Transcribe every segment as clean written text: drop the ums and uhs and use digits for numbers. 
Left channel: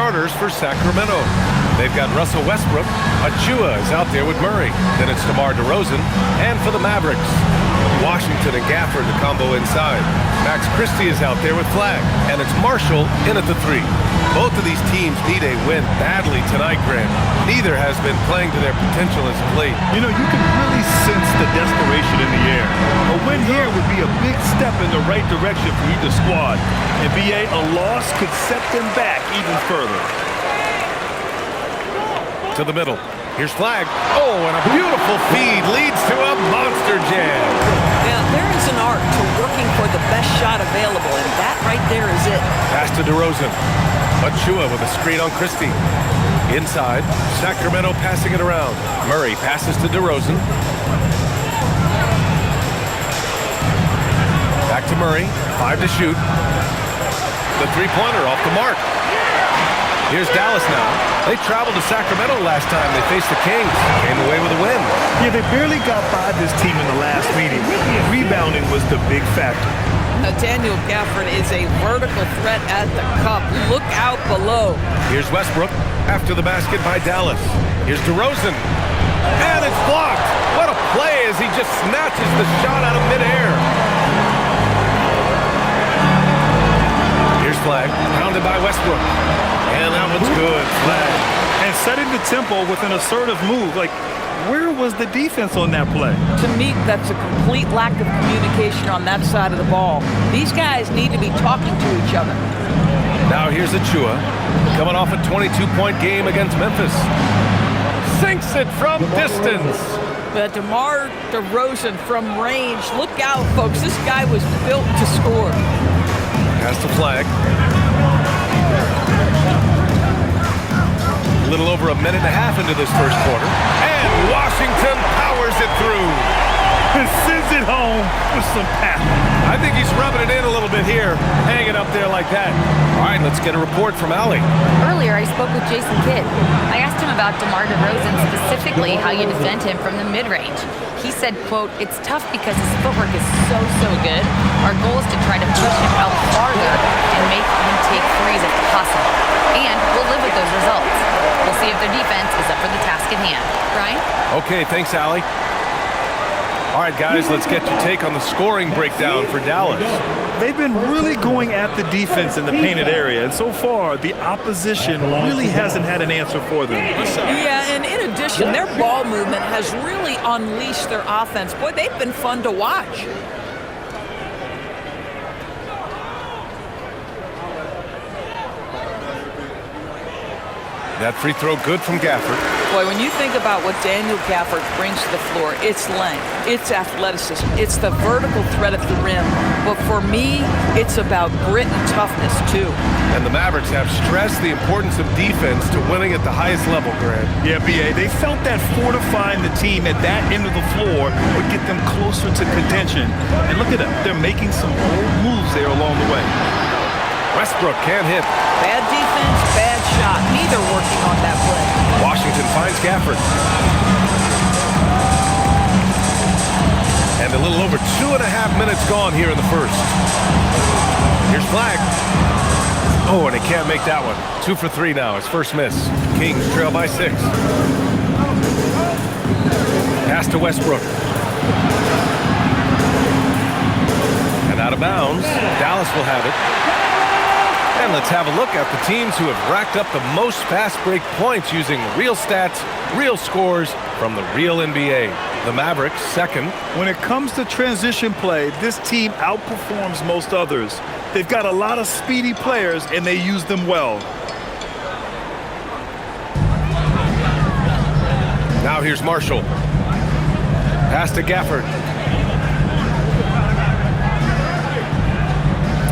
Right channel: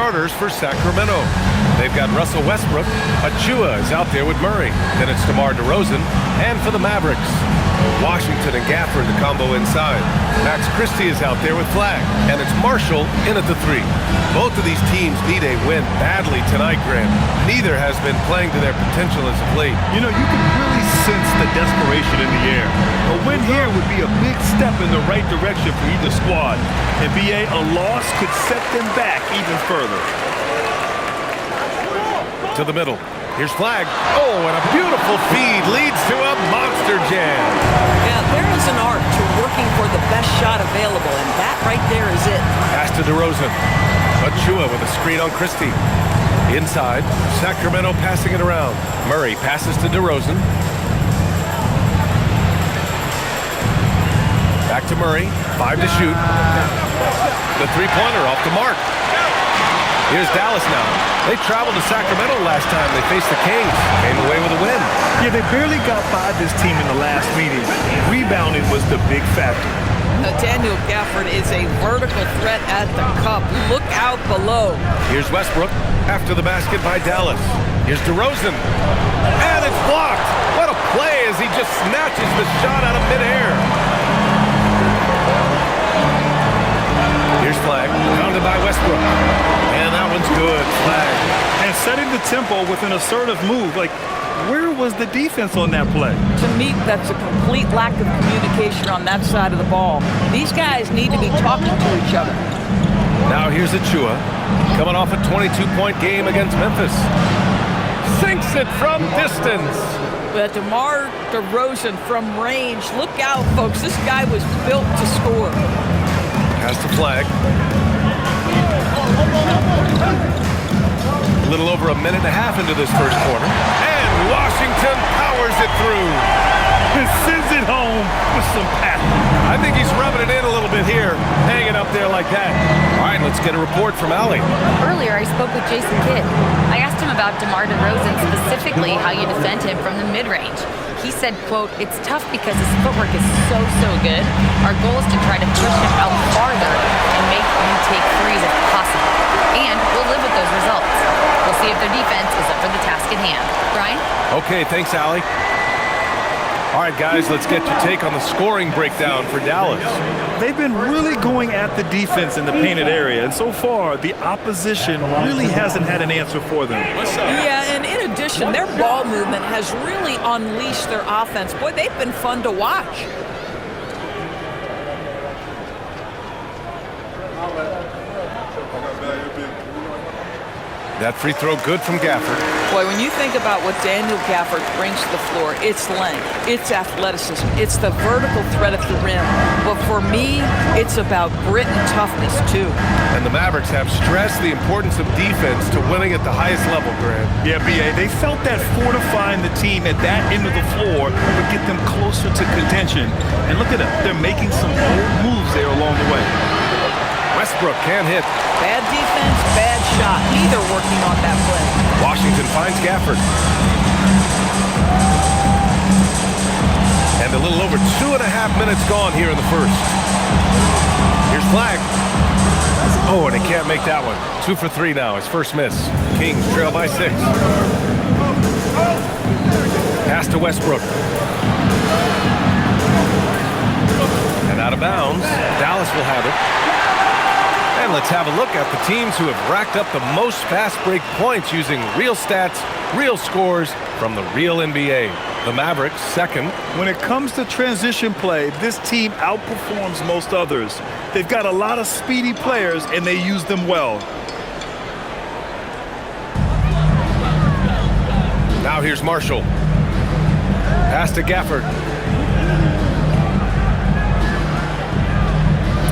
starters for Sacramento. They've got Russell Westbrook. Achua is out there with Murray. Then it's DeMar DeRozan. And for the Mavericks, Washington and Gafford, the combo inside. Max Christie is out there with Flag. And it's Marshall in at the 3. Both of these teams need a win badly tonight, Grant. Neither has been playing to their potential as of late. You know, you can really sense the desperation in the air. A win here would be a big step in the right direction for either squad. And BA, a loss could set them back even further. To the middle. Here's Flag. Oh, and a beautiful feed leads to a monster jam. Yeah, there is an art to working for the best shot available, and that right there is it. Pass to DeRozan. Achua with a screen on Christie. Inside, Sacramento passing it around. Murray passes to DeRozan. Back to Murray. 5 to shoot. The three-pointer off the mark. Here's Dallas now. They traveled to Sacramento last time they faced the Kings. Came away with a win. Yeah, they barely got by this team in the last meeting. Rebounding was the big factor. Daniel Gafford is a vertical threat at the cup. Look out below. Here's Westbrook after the basket by Dallas. Here's DeRozan. And it's blocked. What a play as he just snatches the shot out of midair. Here's Flag, pounded by Westbrook. And that one's good. Flag. And setting the tempo with an assertive move. Like, where was the defense on that play? To me, that's a complete lack of communication on that side of the ball. These guys need to be talking to each other. Now here's Achua, coming off a 22-point game against Memphis. Sinks it from distance. But DeMar DeRozan from range. Look out, folks. This guy was built to score. Pass to Flag. A little over a minute and a half into this first quarter. And Washington powers it through. And sends it home with some passion. I think he's rubbing it in a little bit here, hanging up there like that. All right, let's get a report from Allie. Earlier, I spoke with Jason Kidd. I asked him about DeMar DeRozan, specifically how you defend him from the mid-range. He said, quote, "It's tough because his footwork is so good. Our goal is to try to push him out farther and make him take threes if possible. And we'll live with those results. We'll see if their defense is up for the task at hand." Brian? Okay, thanks, Allie. All right, guys, let's get your take on the scoring breakdown for Dallas. They've been really going at the defense in the painted area, and so far, the opposition really hasn't had an answer for them. Yeah, and in addition, their ball movement has really unleashed their offense. Boy, they've been fun to watch. That free throw good from Gafford. Boy, when you think about what Daniel Gafford brings to the floor, it's length, it's athleticism, it's the vertical threat at the rim. But for me, it's about grit and toughness, too. And the Mavericks have stressed the importance of defense to winning at the highest level, Grant. Yeah, BA, they felt that fortifying the team at that end of the floor would get them closer to contention. And look at them, they're making some bold moves there along the way. Westbrook can't hit. Bad defense, bad shot. Neither working on that play. Washington finds Gafford. And a little over 2.5 minutes gone here in the first. Here's Flag. Oh, and he can't make that one. 2 for 3 now, his first miss. Kings trail by 6. Pass to Westbrook. And out of bounds. Dallas will have it. And let's have a look at the teams who have racked up the most fast break points using real stats, real scores from the real NBA. The Mavericks, second. When it comes to transition play, this team outperforms most others. They've got a lot of speedy players, and they use them well. Now here's Marshall. Pass to Gafford.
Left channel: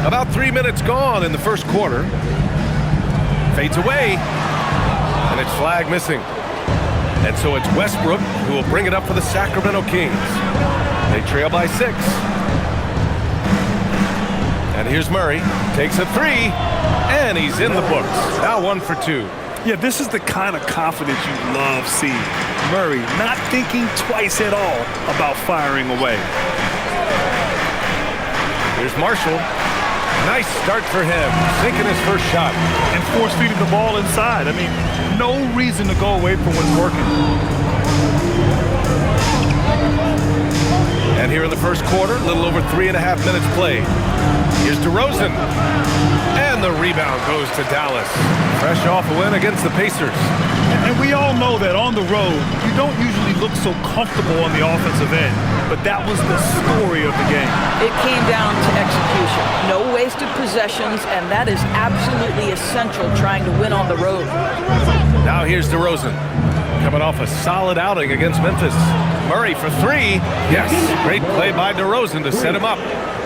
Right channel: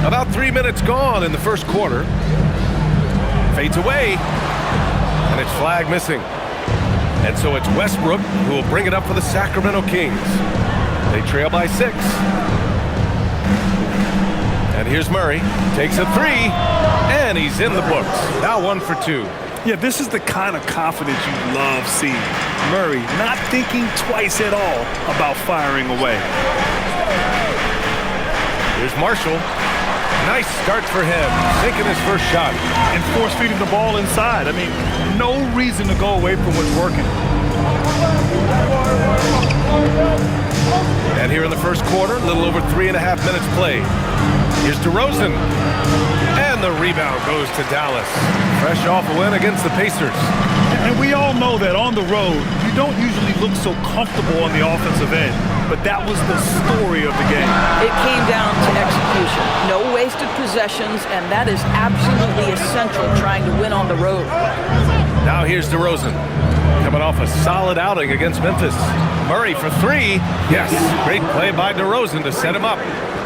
About 3 minutes gone in the first quarter. Fades away. And it's Flag missing. And so it's Westbrook who will bring it up for the Sacramento Kings. They trail by 6. And here's Murray. Takes a 3. And he's in the books. Now 1 for 2. Yeah, this is the kind of confidence you love seeing. Murray not thinking twice at all about firing away. Here's Marshall. Nice start for him, sinking his first shot. And force feeding the ball inside. I mean, no reason to go away from what's working. And here in the first quarter, a little over 3.5 minutes played. Here's DeRozan. And the rebound goes to Dallas. Fresh off a win against the Pacers. And we all know that on the road, you don't usually look so comfortable on the offensive end. But that was the story of the game. It came down to execution. No wasted possessions, and that is absolutely essential trying to win on the road. Now here's DeRozan, coming off a solid outing against Memphis. Murray for three. Yes, great play by DeRozan to set him up.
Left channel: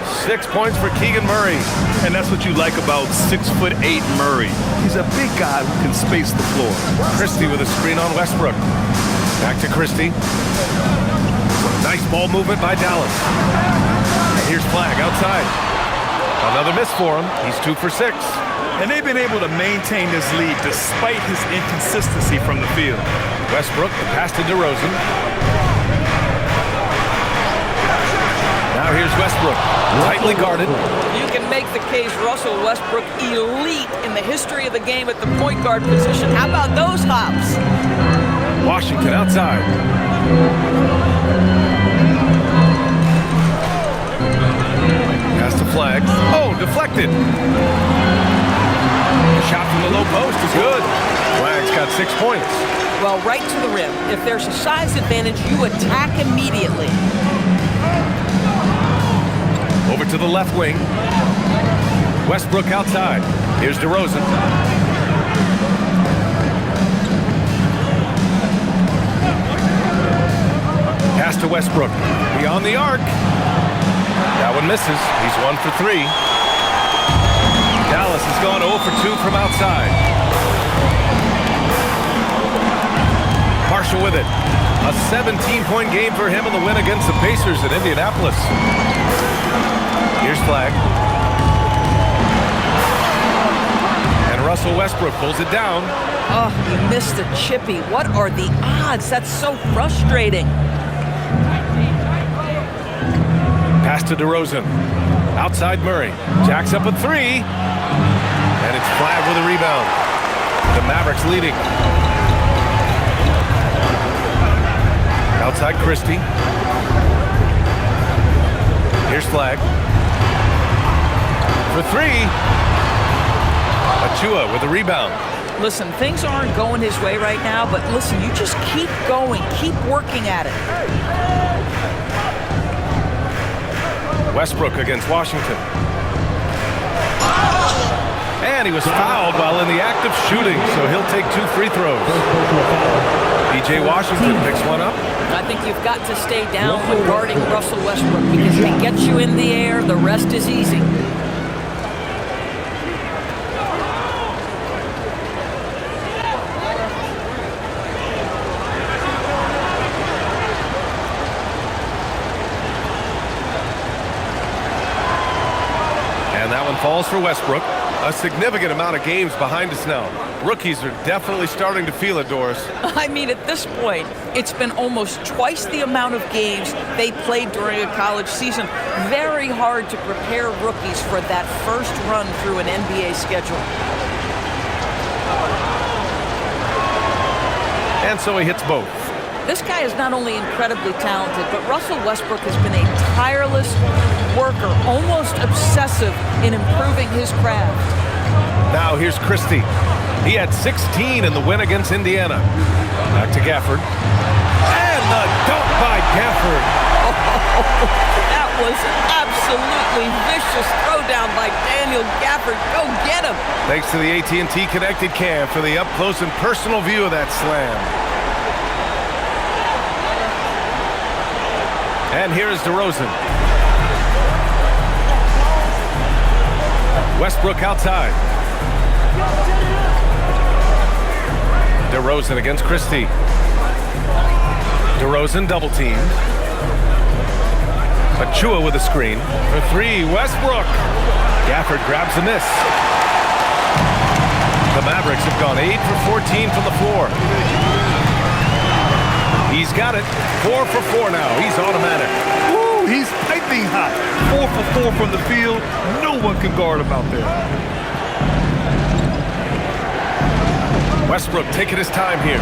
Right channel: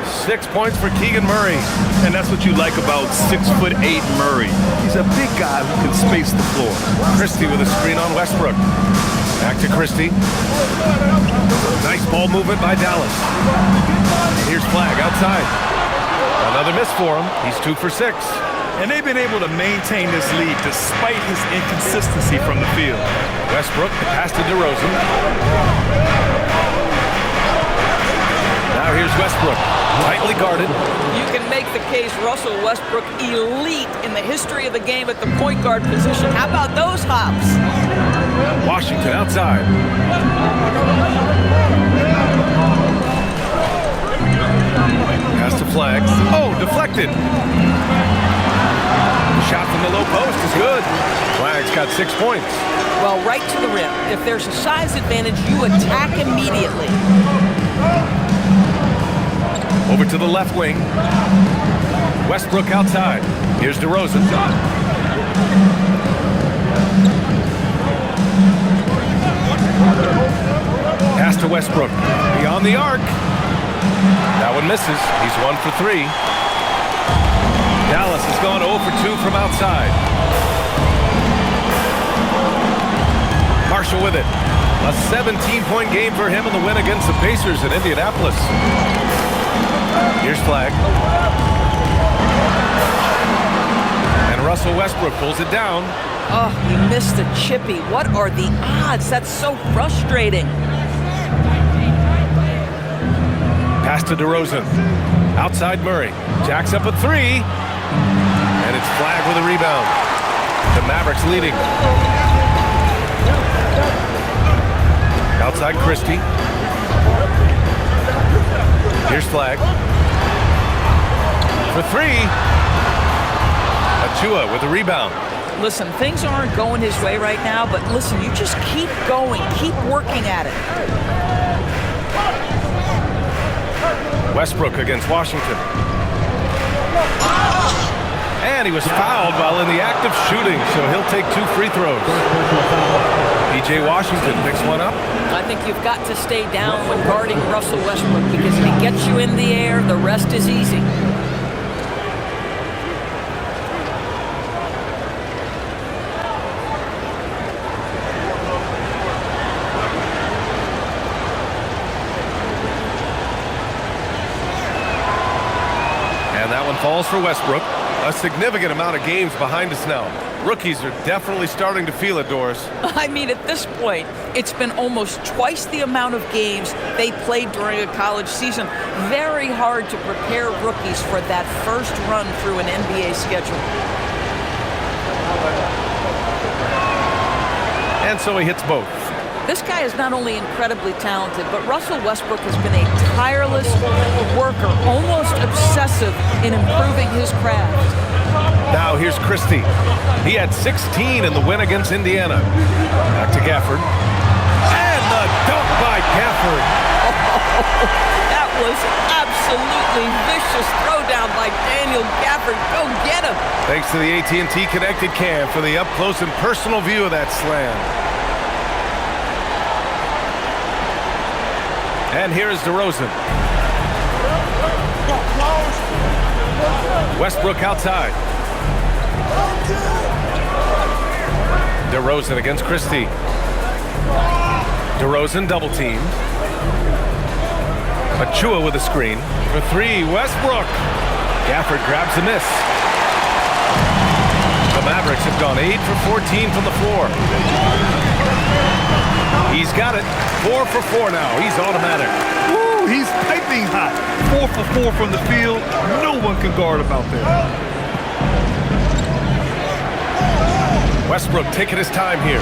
6 points for Keegan Murray. And that's what you like about 6'8" Murray. He's a big guy who can space the floor. Christie with a screen on Westbrook. Back to Christie. Nice ball movement by Dallas. And here's Flagg outside. Another miss for him. He's 2 for 6. And they've been able to maintain this lead despite his inconsistency from the field. Westbrook, the pass to DeRozan. Now here's Westbrook, tightly guarded. You can make the case Russell Westbrook elite in the history of the game at the point guard position. How about those hops? Washington outside. Pass to Flagg. Oh, deflected. The shot from the low post is good. Flagg's got 6 points. Well, right to the rim. If there's a size advantage, you attack immediately. Over to the left wing. Westbrook outside. Here's DeRozan. Pass to Westbrook. Beyond the arc. That one misses. He's 1 for 3. Dallas has gone 0 for 2 from outside. Marshall with it. A 17-point game for him in the win against the Pacers in Indianapolis. Here's Flagg. And Russell Westbrook pulls it down. Oh, he missed the chippy. What are the odds? That's so frustrating. Pass to DeRozan. Outside Murray. Jacks up a 3. And it's Flagg with a rebound. The Mavericks leading. Outside Christie. Here's Flagg. For 3. Achua with a rebound. Listen, things aren't going his way right now, but listen, you just keep going. Keep working at it. Westbrook against Washington. And he was fouled while in the act of shooting, so he'll take 2 free throws. P.J. Washington picks one up. I think you've got to stay down when guarding Russell Westbrook because if he gets you in the air, the rest is easy. And that one falls for Westbrook. A significant amount of games behind us now. Rookies are definitely starting to feel it, Doris. I mean, at this point, it's been almost twice the amount of games they played during a college season. Very hard to prepare rookies for that first run through an NBA schedule. And so he hits both. This guy is not only incredibly talented, but Russell Westbrook has been a tireless worker, almost obsessive in improving his craft. Now here's Christie. He had 16 in the win against Indiana. Back to Gafford. And the dunk by Gafford. Oh, that was absolutely vicious throwdown by Daniel Gafford. Go get him. Thanks to the AT&T Connected Cam for the up-close and personal view of that slam. And here is DeRozan. Westbrook outside. DeRozan against Christie. DeRozan double teamed. Achua with a screen. For 3, Westbrook. Gafford grabs the miss. The Mavericks have gone 8 for 14 from the floor. He's got it. 4 for 4 now. He's automatic. Woo! Oh, he's piping hot. 4 for 4 from the field. No one can guard him out there. Westbrook taking his time here.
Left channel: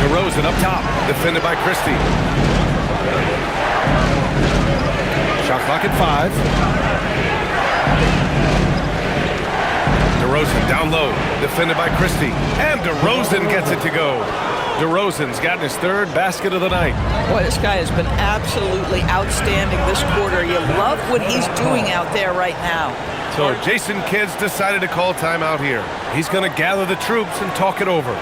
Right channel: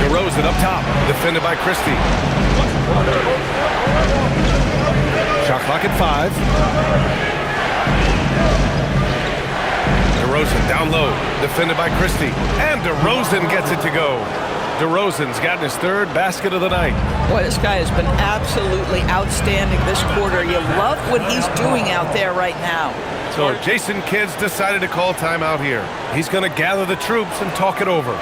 DeRozan up top, defended by Christie. Shot clock at 5. DeRozan down low, defended by Christie. And DeRozan gets it to go. DeRozan's gotten his 3rd basket of the night. Boy, this guy has been absolutely outstanding this quarter. You love what he's doing out there right now. So Jason Kidd's decided to call timeout here. He's going to gather the troops and talk it over.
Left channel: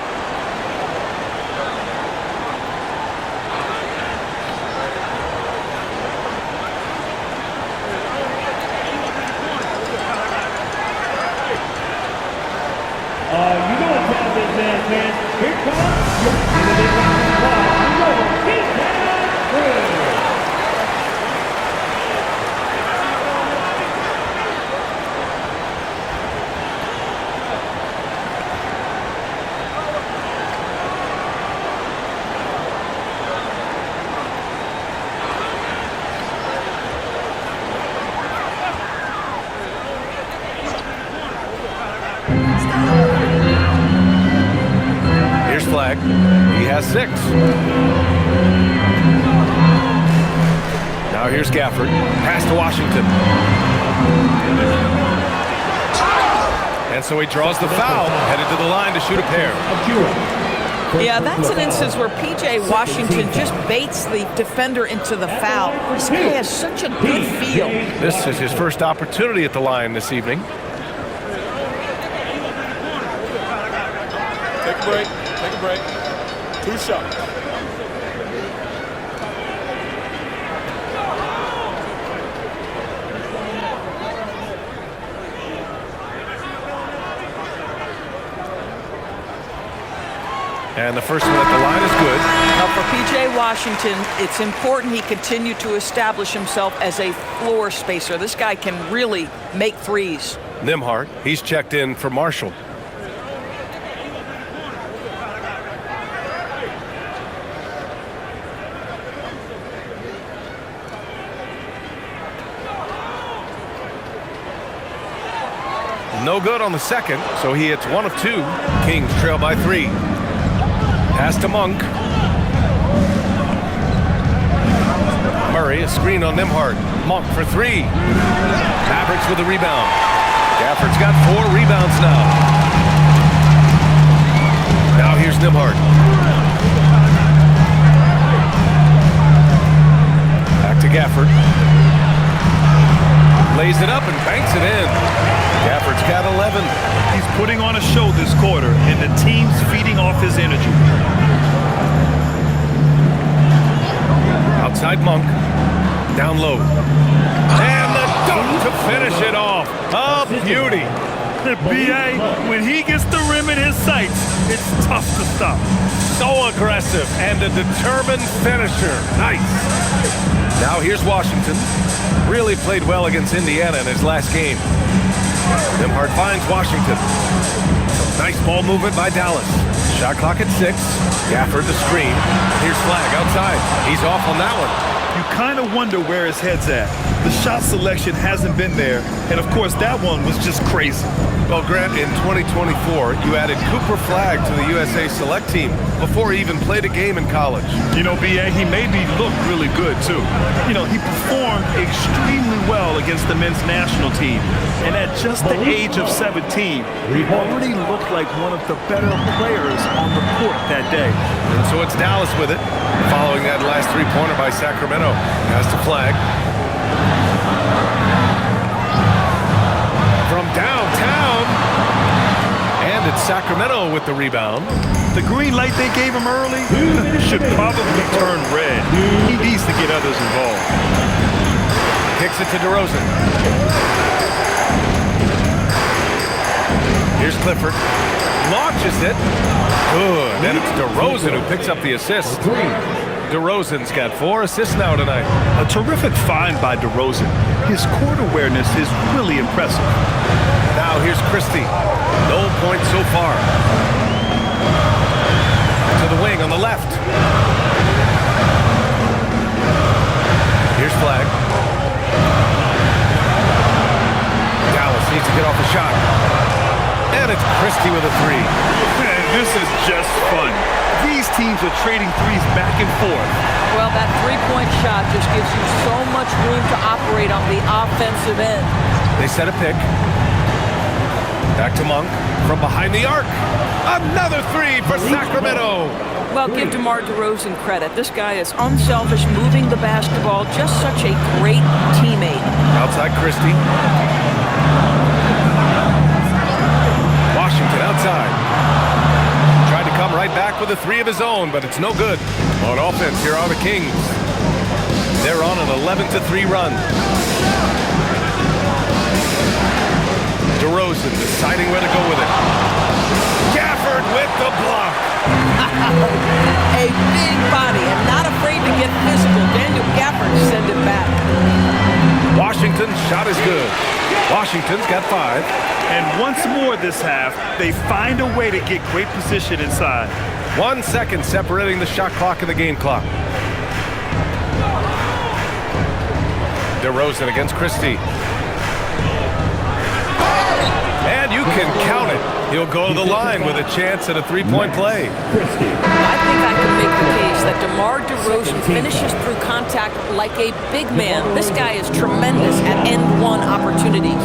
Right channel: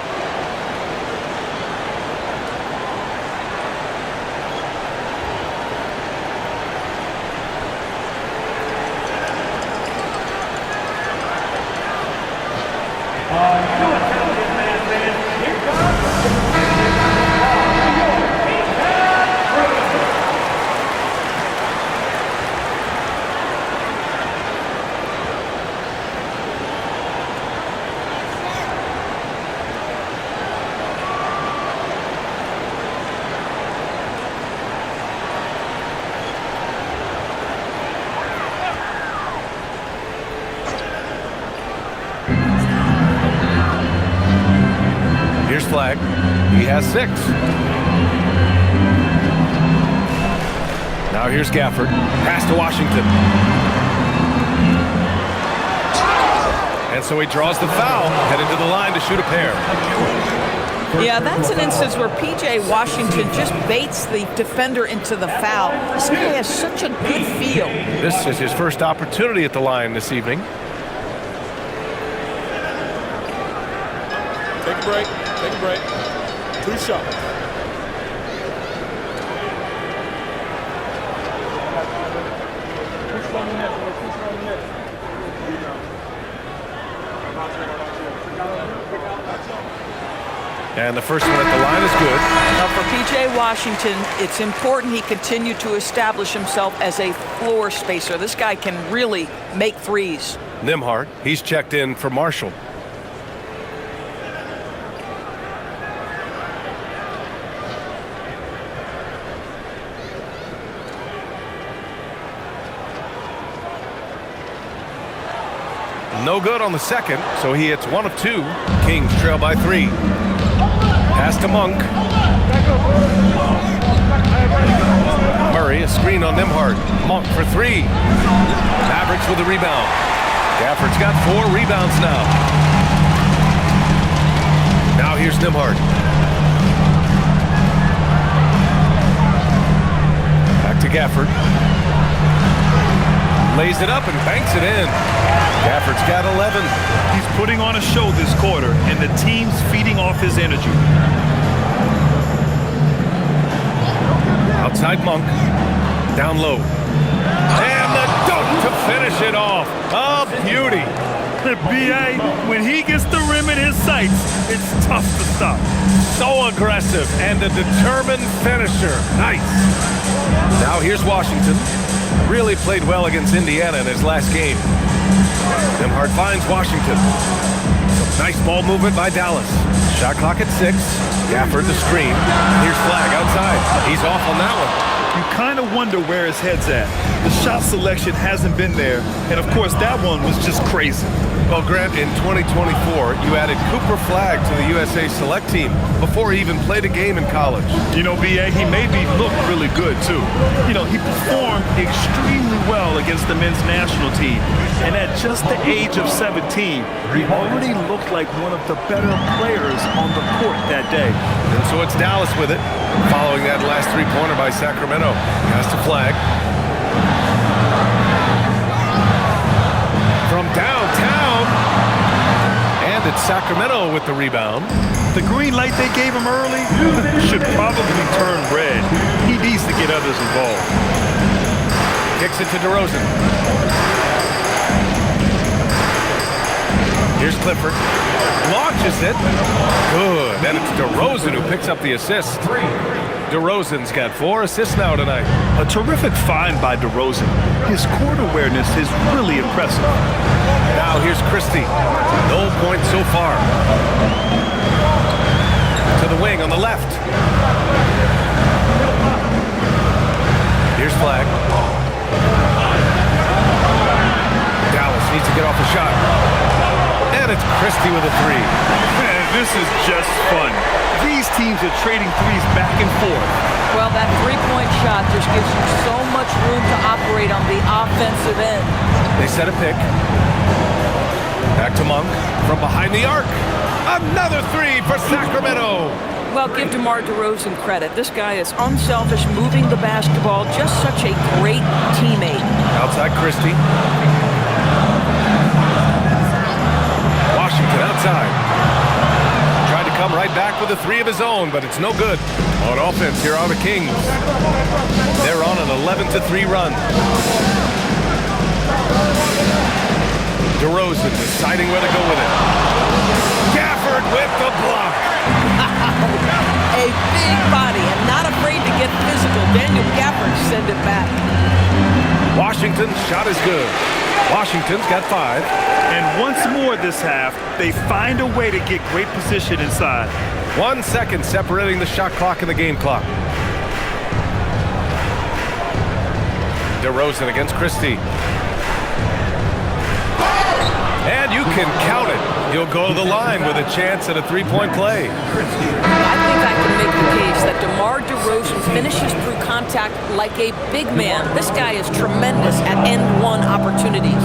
You know what time this man is. Here comes Here's Flag. He has 6. Now here's Gafford. Pass to Washington. And so he draws the foul, headed to the line to shoot a pair. Yeah, that's an instance where P.J. Washington just baits the defender into the foul. This guy has such a good feel. This is his first opportunity at the line this evening. Take a break. Take a break. 2 shots. And the first one at the line is good. Now for P.J. Washington, it's important he continue to establish himself as a floor spacer. This guy can really make threes. Nembhard, he's checked in for Marshall. No good on the second, so he hits 1 of 2. Kings trail by 3. Pass to Monk. Murray, a screen on Nembhard. Monk for 3. Mavericks with a rebound. Gafford's got 4 rebounds now. Now here's Nembhard. Back to Gafford. Lays it up and banks it in. Gafford's got 11. He's putting on a show this quarter, and the team's feeding off his energy. Outside Monk. Down low. And the dunk to finish it off. A beauty. B.A., when he gets the rim in his sights, it's tough to stop. So aggressive and a determined finisher. Nice. Now here's Washington. Really played well against Indiana in his last game. Nembhard finds Washington. Some nice ball movement by Dallas. Shot clock at 6. Gafford the screen. And here's Flag outside. He's off on that one. You kind of wonder where his head's at. The shot selection hasn't been there, and of course that one was just crazy. Well, Grant, in 2024, you added Cooper Flag to the USA Select team before he even played a game in college. You know, B.A., he made me look really good, too. You know, he performed extremely well against the men's national team, and at just the age of 17, he already looked like one of the better players on the court that day. And so it's Dallas with it, following that last three-pointer by Sacramento. Pass to Flag. From downtown. And it's Sacramento with the rebound. The green light they gave him early should probably turn red. He needs to get others involved. Kicks it to DeRozan. Here's Clifford. Launches it. Good. Then it's DeRozan who picks up the assist. DeRozan's got 4 assists now tonight. A terrific find by DeRozan. His court awareness is really impressive. Now here's Christie. No points so far. To to the wing on the left. Here's Flag. Dallas needs to get off the shot. And it's Christie with a three. Man, this is just fun. These teams are trading threes back and forth. Well, that three-point shot just gives you so much room to operate on the offensive end. They set a pick. Back to Monk from behind the arc. Another three for Sacramento. Well, give DeMar DeRozan credit. This guy is unselfish, moving the basketball, just such a great teammate. Outside Christie. Washington outside. Tried to come right back with a three of his own, but it's no good. On offense, here are the Kings. They're on an 11-3 run. DeRozan deciding where to go with it. Gafford with the block. A big body and not afraid to get physical. Daniel Gafford send it back. Washington's shot is good. Washington's got 5. And once more this half, they find a way to get great position inside. 1 second separating the shot clock and the game clock. DeRozan against Christie. And you can count it. He'll go to the line with a chance at a three-point play. I think I can make the case that DeMar DeRozan finishes through contact like a big man. This guy is tremendous at end-one opportunities.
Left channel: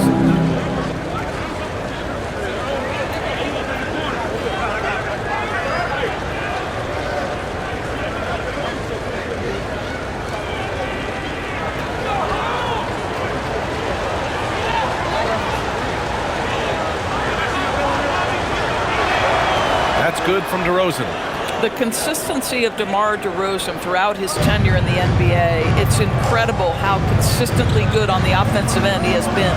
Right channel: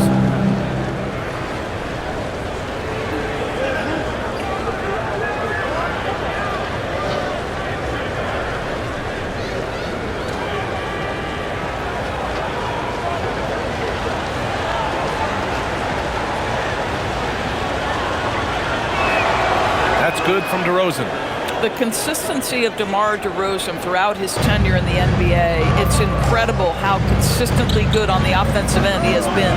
That's good from DeRozan. The consistency of DeMar DeRozan throughout his tenure in the NBA, it's incredible how consistently good on the offensive end he has been.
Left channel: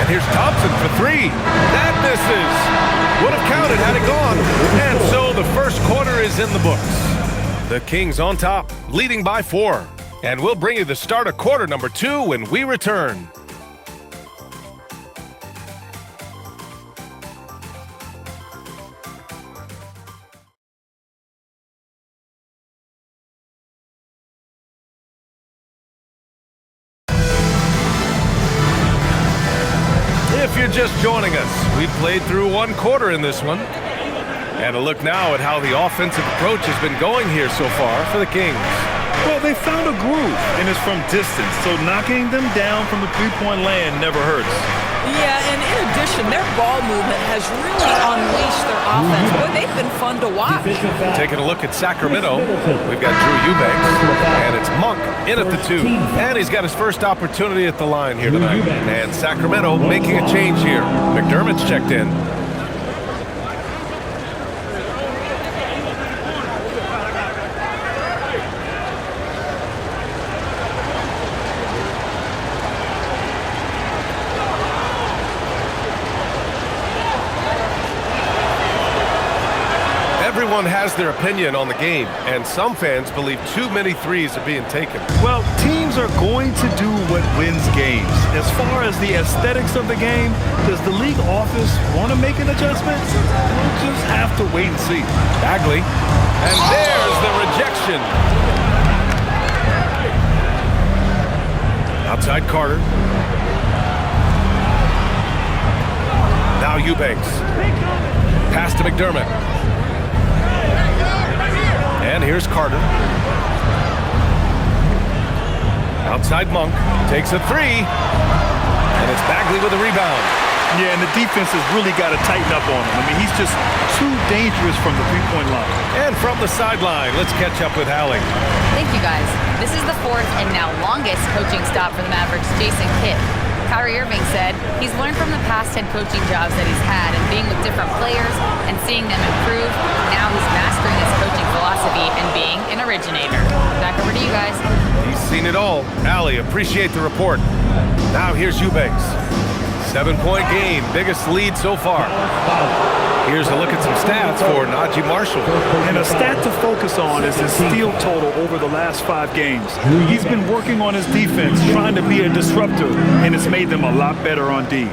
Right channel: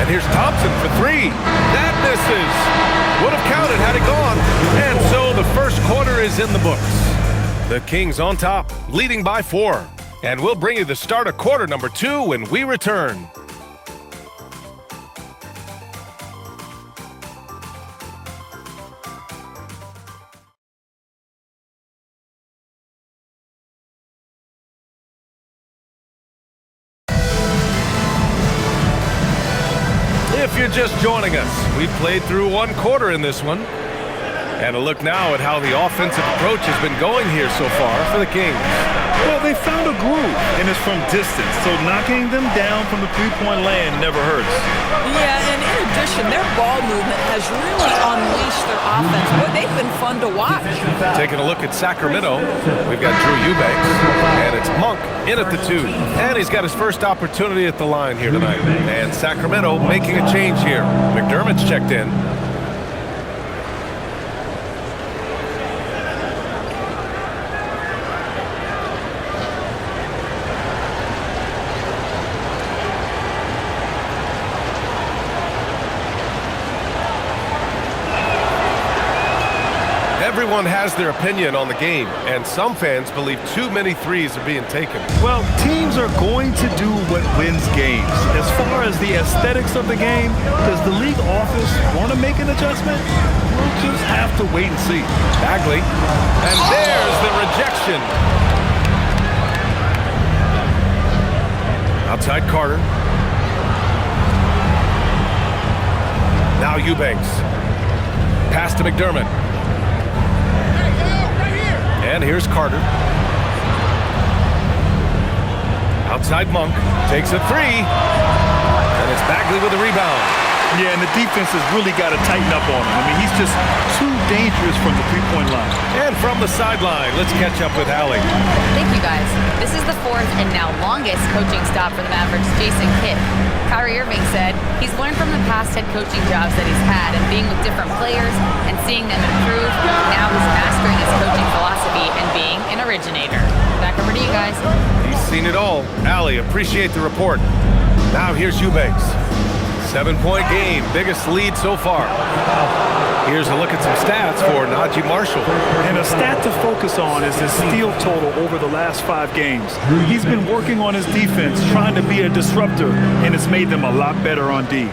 And here's Thompson for 3. That misses. Would have counted had it gone. And so the first quarter is in the books. The Kings on top, leading by 4. And we'll bring you the start of quarter number 2 when we return. If you're just joining us, we've played through 1 quarter in this one. And a look now at how the offensive approach has been going here so far for the Kings. Well, they found a groove, and it's from distance, so knocking them down from the three-point land never hurts. Yeah, and in addition, their ball movement has really unleashed their offense. Boy, they've been fun to watch. Taking a look at Sacramento, we've got Drew Eubanks, and it's Monk in at the 2. And he's got his first opportunity at the line here tonight. And Sacramento making a change here. McDermott's checked in. Everyone has their opinion on the game, and some fans believe too many threes are being taken. Well, teams are going to do what wins games. As far as the aesthetics of the game, does the league office want to make an adjustment? We'll just have to wait and see. Bagley, and there's the rejection. Outside Carter. Now Eubanks. Pass to McDermott. And here's Carter. Outside Monk. Takes a 3. And it's Bagley with a rebound. Yeah, and the defense has really got to tighten up on him. I mean, he's just too dangerous from the three-point line. And from the sideline, let's catch up with Allie. Thank you, guys. This is the 4th and now longest coaching stop for the Mavericks' Jason Kidd. Kyrie Irving said he's learned from the past head coaching jobs that he's had and being with different players and seeing them improve. Now he's mastering his coaching philosophy and being an originator. Back over to you guys. He's seen it all. Allie, appreciate the report. Now here's Eubanks. 7-point game, biggest lead so far. Here's a look at some stats for Najee Marshall. And a stat to focus on is his steal total over the last 5 games. He's been working on his defense, trying to be a disruptor, and it's made them a lot better on D.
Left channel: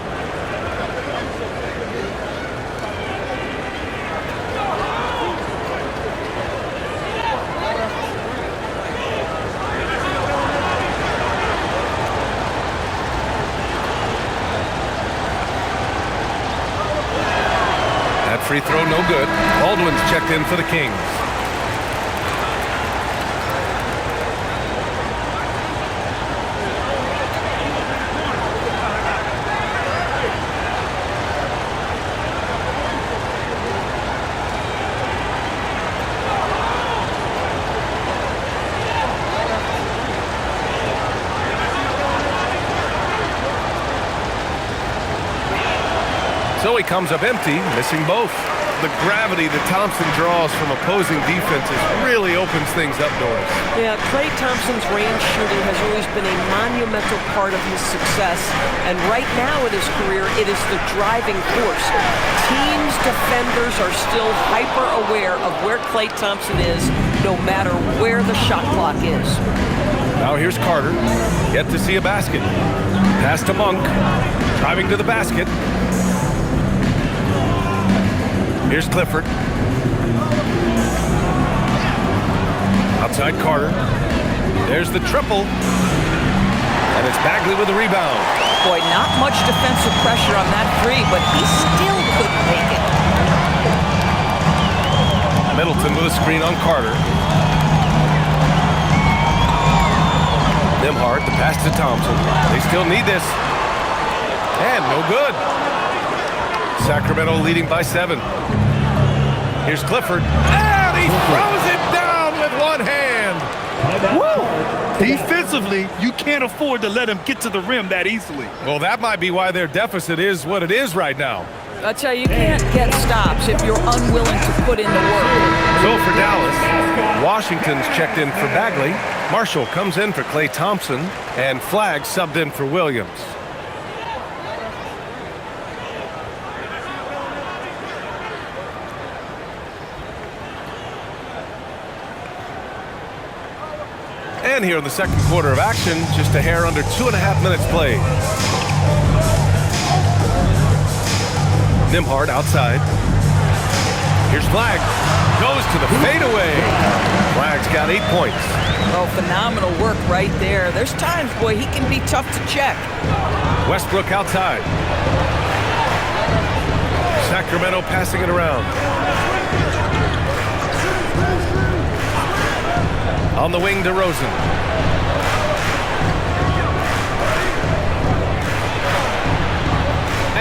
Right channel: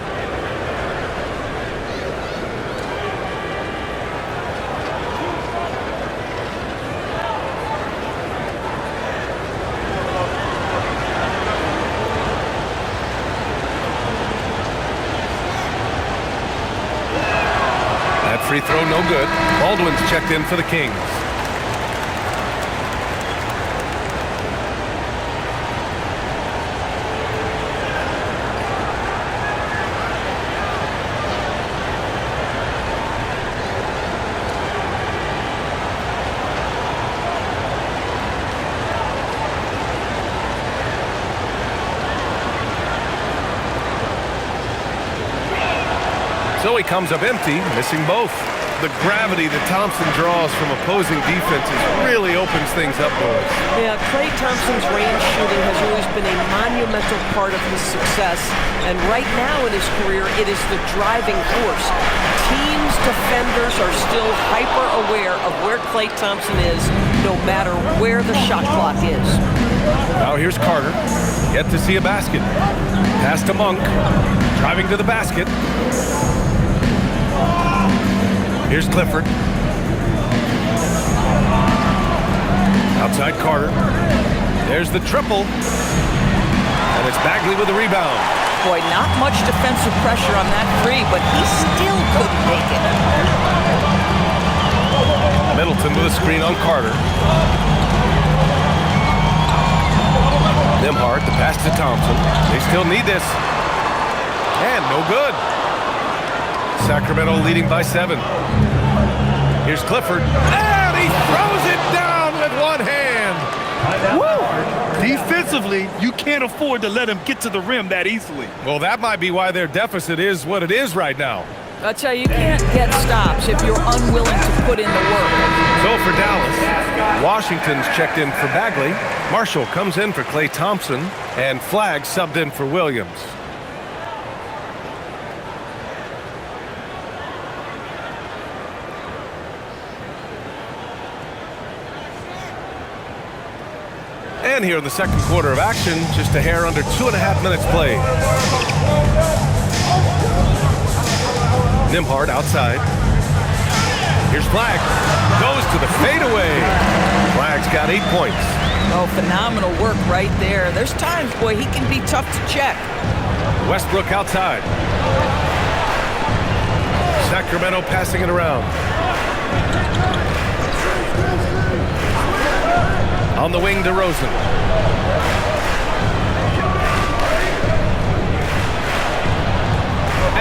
That free throw no good. Baldwin's checked in for the Kings. So he comes up empty, missing both. The gravity that Thompson draws from opposing defenses really opens things up, Doris. Yeah, Klay Thompson's range shooting has always been a monumental part of his success. And right now in his career, it is the driving force. Teams' defenders are still hyper-aware of where Klay Thompson is, no matter where the shot clock is. Now here's Carter. Yet to see a basket. Pass to Monk. Driving to the basket. Here's Clifford. Outside Carter. There's the triple. And it's Bagley with the rebound. Boy, not much defensive pressure on that three, but he still couldn't make it. Middleton with a screen on Carter. Nembhard, the pass to Thompson. They still need this. And no good. Sacramento leading by 7. Here's Clifford. And he throws it down with one hand. Woo! Defensively, you can't afford to let him get to the rim that easily. Well, that might be why their deficit is what it is right now. I tell you, you can't get stops if you're unwilling to put in the work. So for Dallas, Washington's checked in for Bagley. Marshall comes in for Klay Thompson. And Flagg subbed in for Williams. And here in the second quarter of action, just a hair under 2.5 minutes played. Nembhard outside. Here's Flagg. Goes to the fadeaway. Flagg's got 8 points. Oh, phenomenal work right there. There's times, boy, he can be tough to check. Westbrook outside. Sacramento passing it around. On the wing, DeRozan.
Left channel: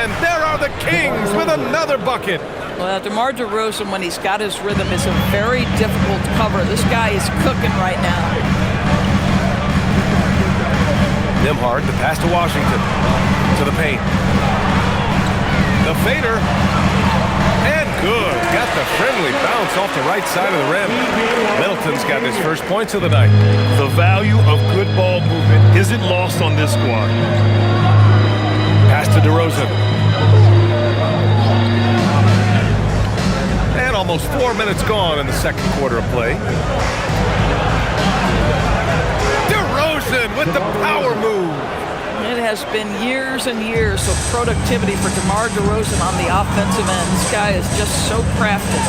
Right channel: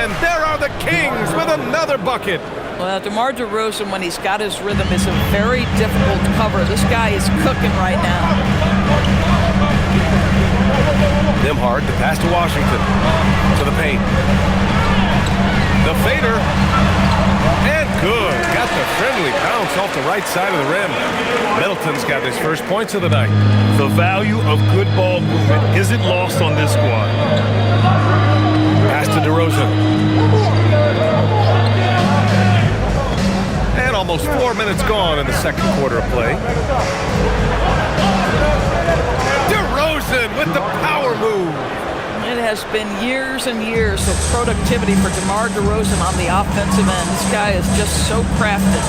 And there are the Kings with another bucket. Well, DeMar DeRozan, when he's got his rhythm, is a very difficult cover. This guy is cooking right now. Nembhard, the pass to Washington. To the paint. The fader. And good. Got the friendly bounce off the right side of the rim. Middleton's got his first points of the night. The value of good ball movement isn't lost on this squad. Pass to DeRozan. And almost 4 minutes gone in the second quarter of play. DeRozan with the power move. It has been years and years of productivity for DeMar DeRozan on the offensive end. This guy is just so crafted.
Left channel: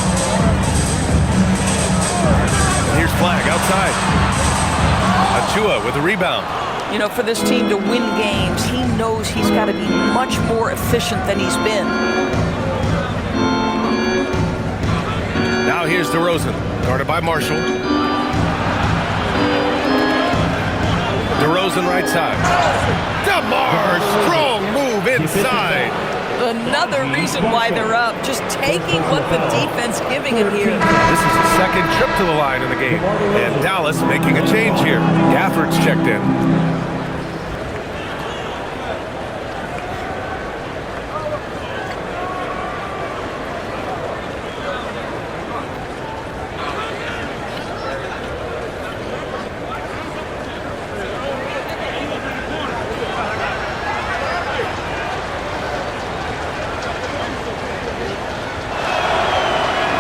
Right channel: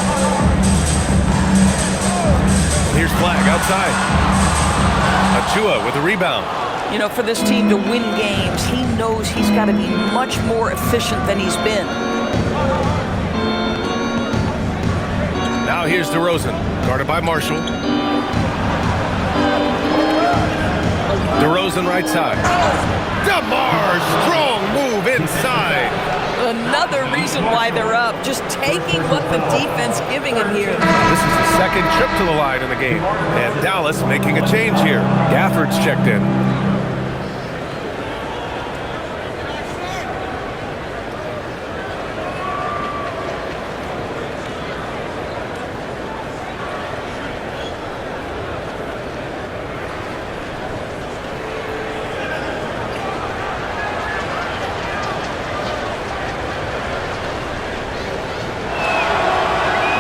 And here's Flagg outside. Achua with the rebound. You know, for this team to win games, he knows he's got to be much more efficient than he's been. Now here's DeRozan, guarded by Marshall. DeRozan right side. DeMar, strong move inside. Another reason why they're up, just taking what the defense giving him here. This is his second trip to the line in the game. And Dallas making a change here. Gafford's checked in.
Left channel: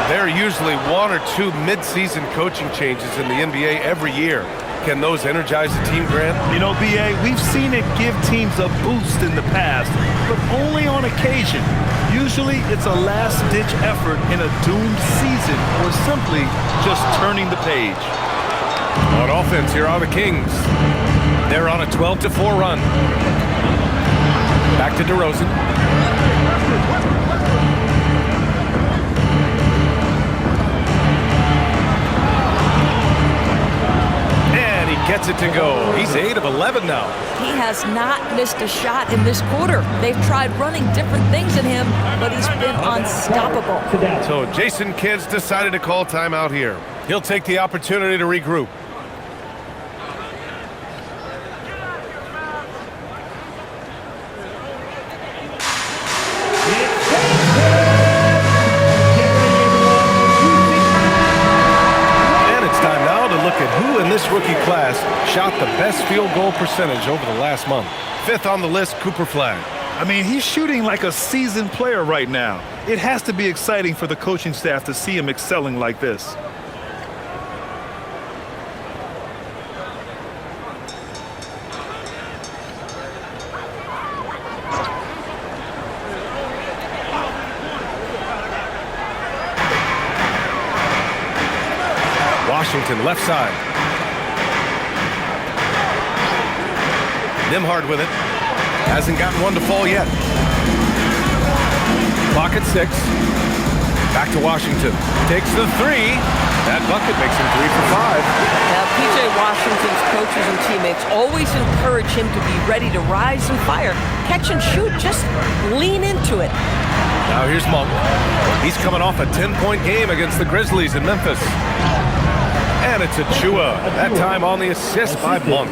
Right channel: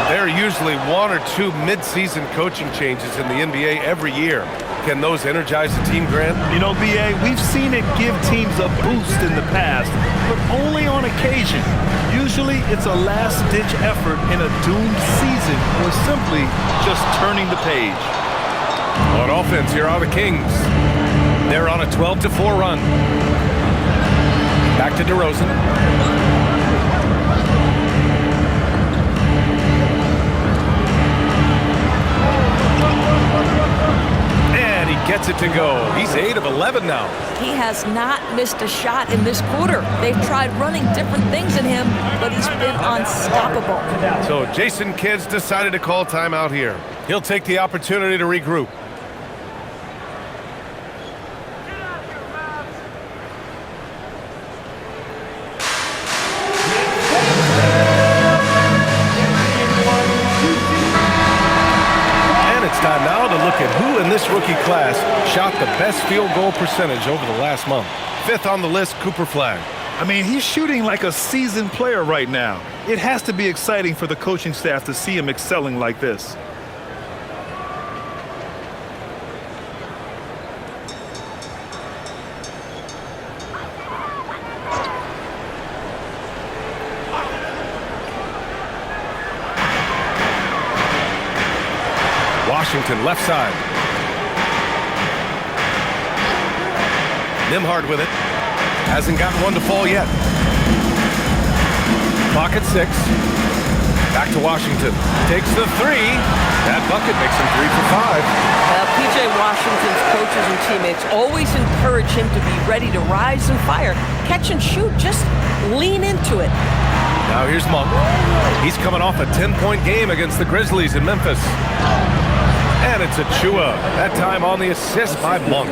There are usually 1 or 2 mid-season coaching changes in the NBA every year. Can those energize the team, Grant? You know, B.A., we've seen it give teams a boost in the past, but only on occasion. Usually it's a last-ditch effort in a doomed season or simply just turning the page. On offense, here are the Kings. They're on a 12-4 run. Back to DeRozan. Gets it to go. He's 8 of 11 now. He has not missed a shot in this quarter. They've tried running different things at him, but he's been unstoppable. So Jason Kidd's decided to call timeout here. He'll take the opportunity to regroup. It's time now to look at who in this rookie class shot the best field goal percentage over the last month. 5th on the list, Cooper Flagg. I mean, he's shooting like a seasoned player right now. It has to be exciting for the coaching staff to see him excelling like this. Washington left side. Nembhard with it. Hasn't gotten one to fall yet. Clock at 6. Back to Washington. Takes the 3. That bucket makes him 3 for 5. P.J. Washington's coaches and teammates always encourage him to be ready to rise and fire. Catch and shoot. Just lean into it. Now here's Monk. He's coming off a 10-point game against the Grizzlies in Memphis. And it's Achua, that time on the assist by Monk.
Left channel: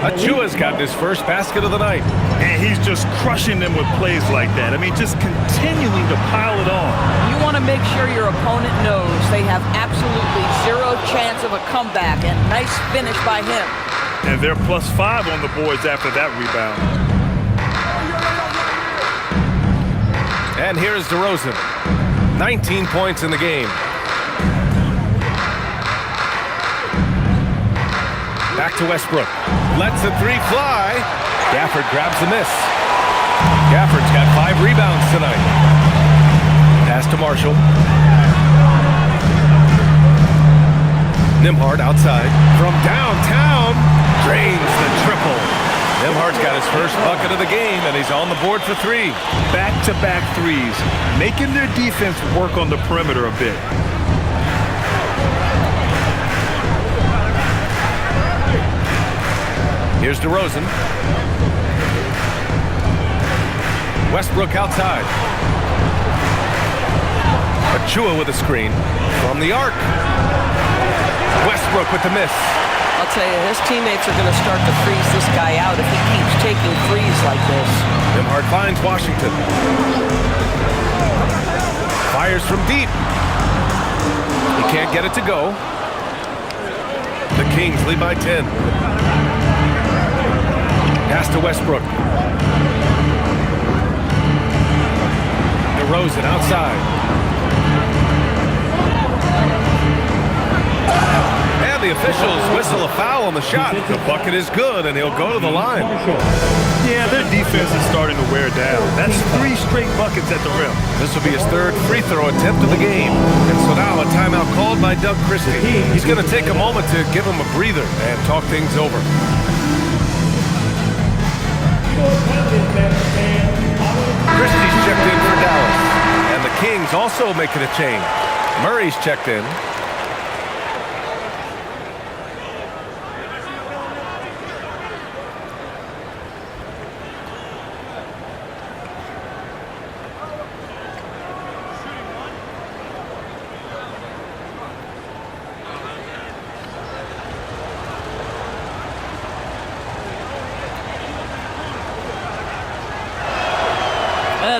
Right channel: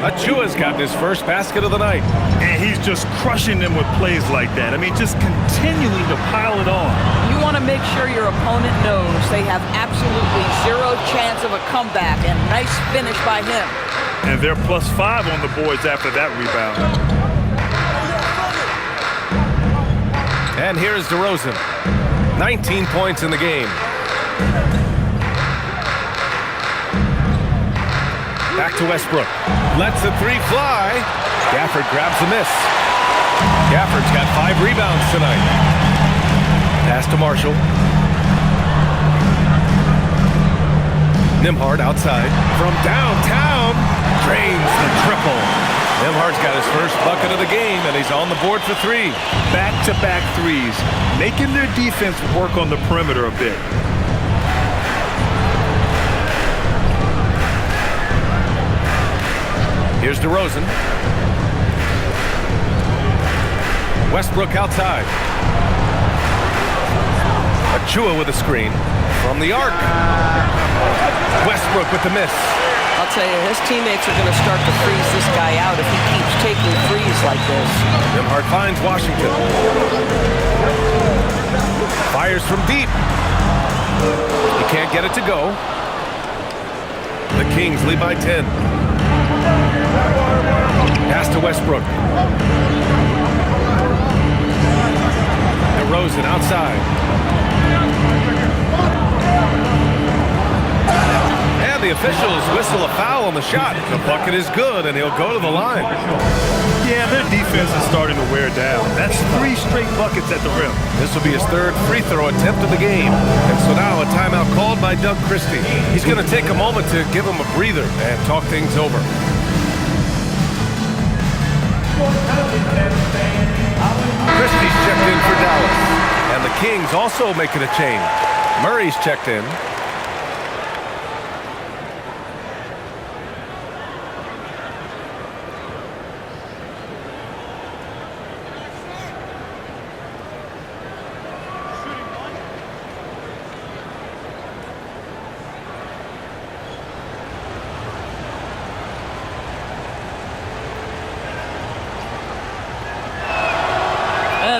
Achua's gotten his first basket of the night. And he's just crushing them with plays like that. I mean, just continuing to pile it on. You want to make sure your opponent knows they have absolutely zero chance of a comeback, and nice finish by him. And they're +5 on the boards after that rebound. And here's DeRozan. 19 points in the game. Back to Westbrook. Lets the 3 fly. Gafford grabs the miss. Gafford's got 5 rebounds tonight. Pass to Marshall. Nembhard outside. From downtown. Drains the triple. Nembhard's got his first bucket of the game, and he's on the board for 3. Back-to-back threes, making their defense work on the perimeter a bit. Here's DeRozan. Westbrook outside. Achua with a screen from the arc. Westbrook with the miss. I'll tell you, his teammates are going to start to freeze this guy out if he keeps taking threes like this. Nembhard finds Washington. Fires from deep. He can't get it to go. The Kings lead by 10. Pass to Westbrook. DeRozan outside. And the officials whistle a foul on the shot. The bucket is good, and he'll go to the line. Yeah, their defense is starting to wear down. That's 3 straight buckets at the rim. This will be his 3rd free throw attempt of the game. And so now a timeout called by Doug Christie. He's going to take a moment to give him a breather and talk things over. Christie's checked in for Dallas. And the Kings also making a change. Murray's checked in.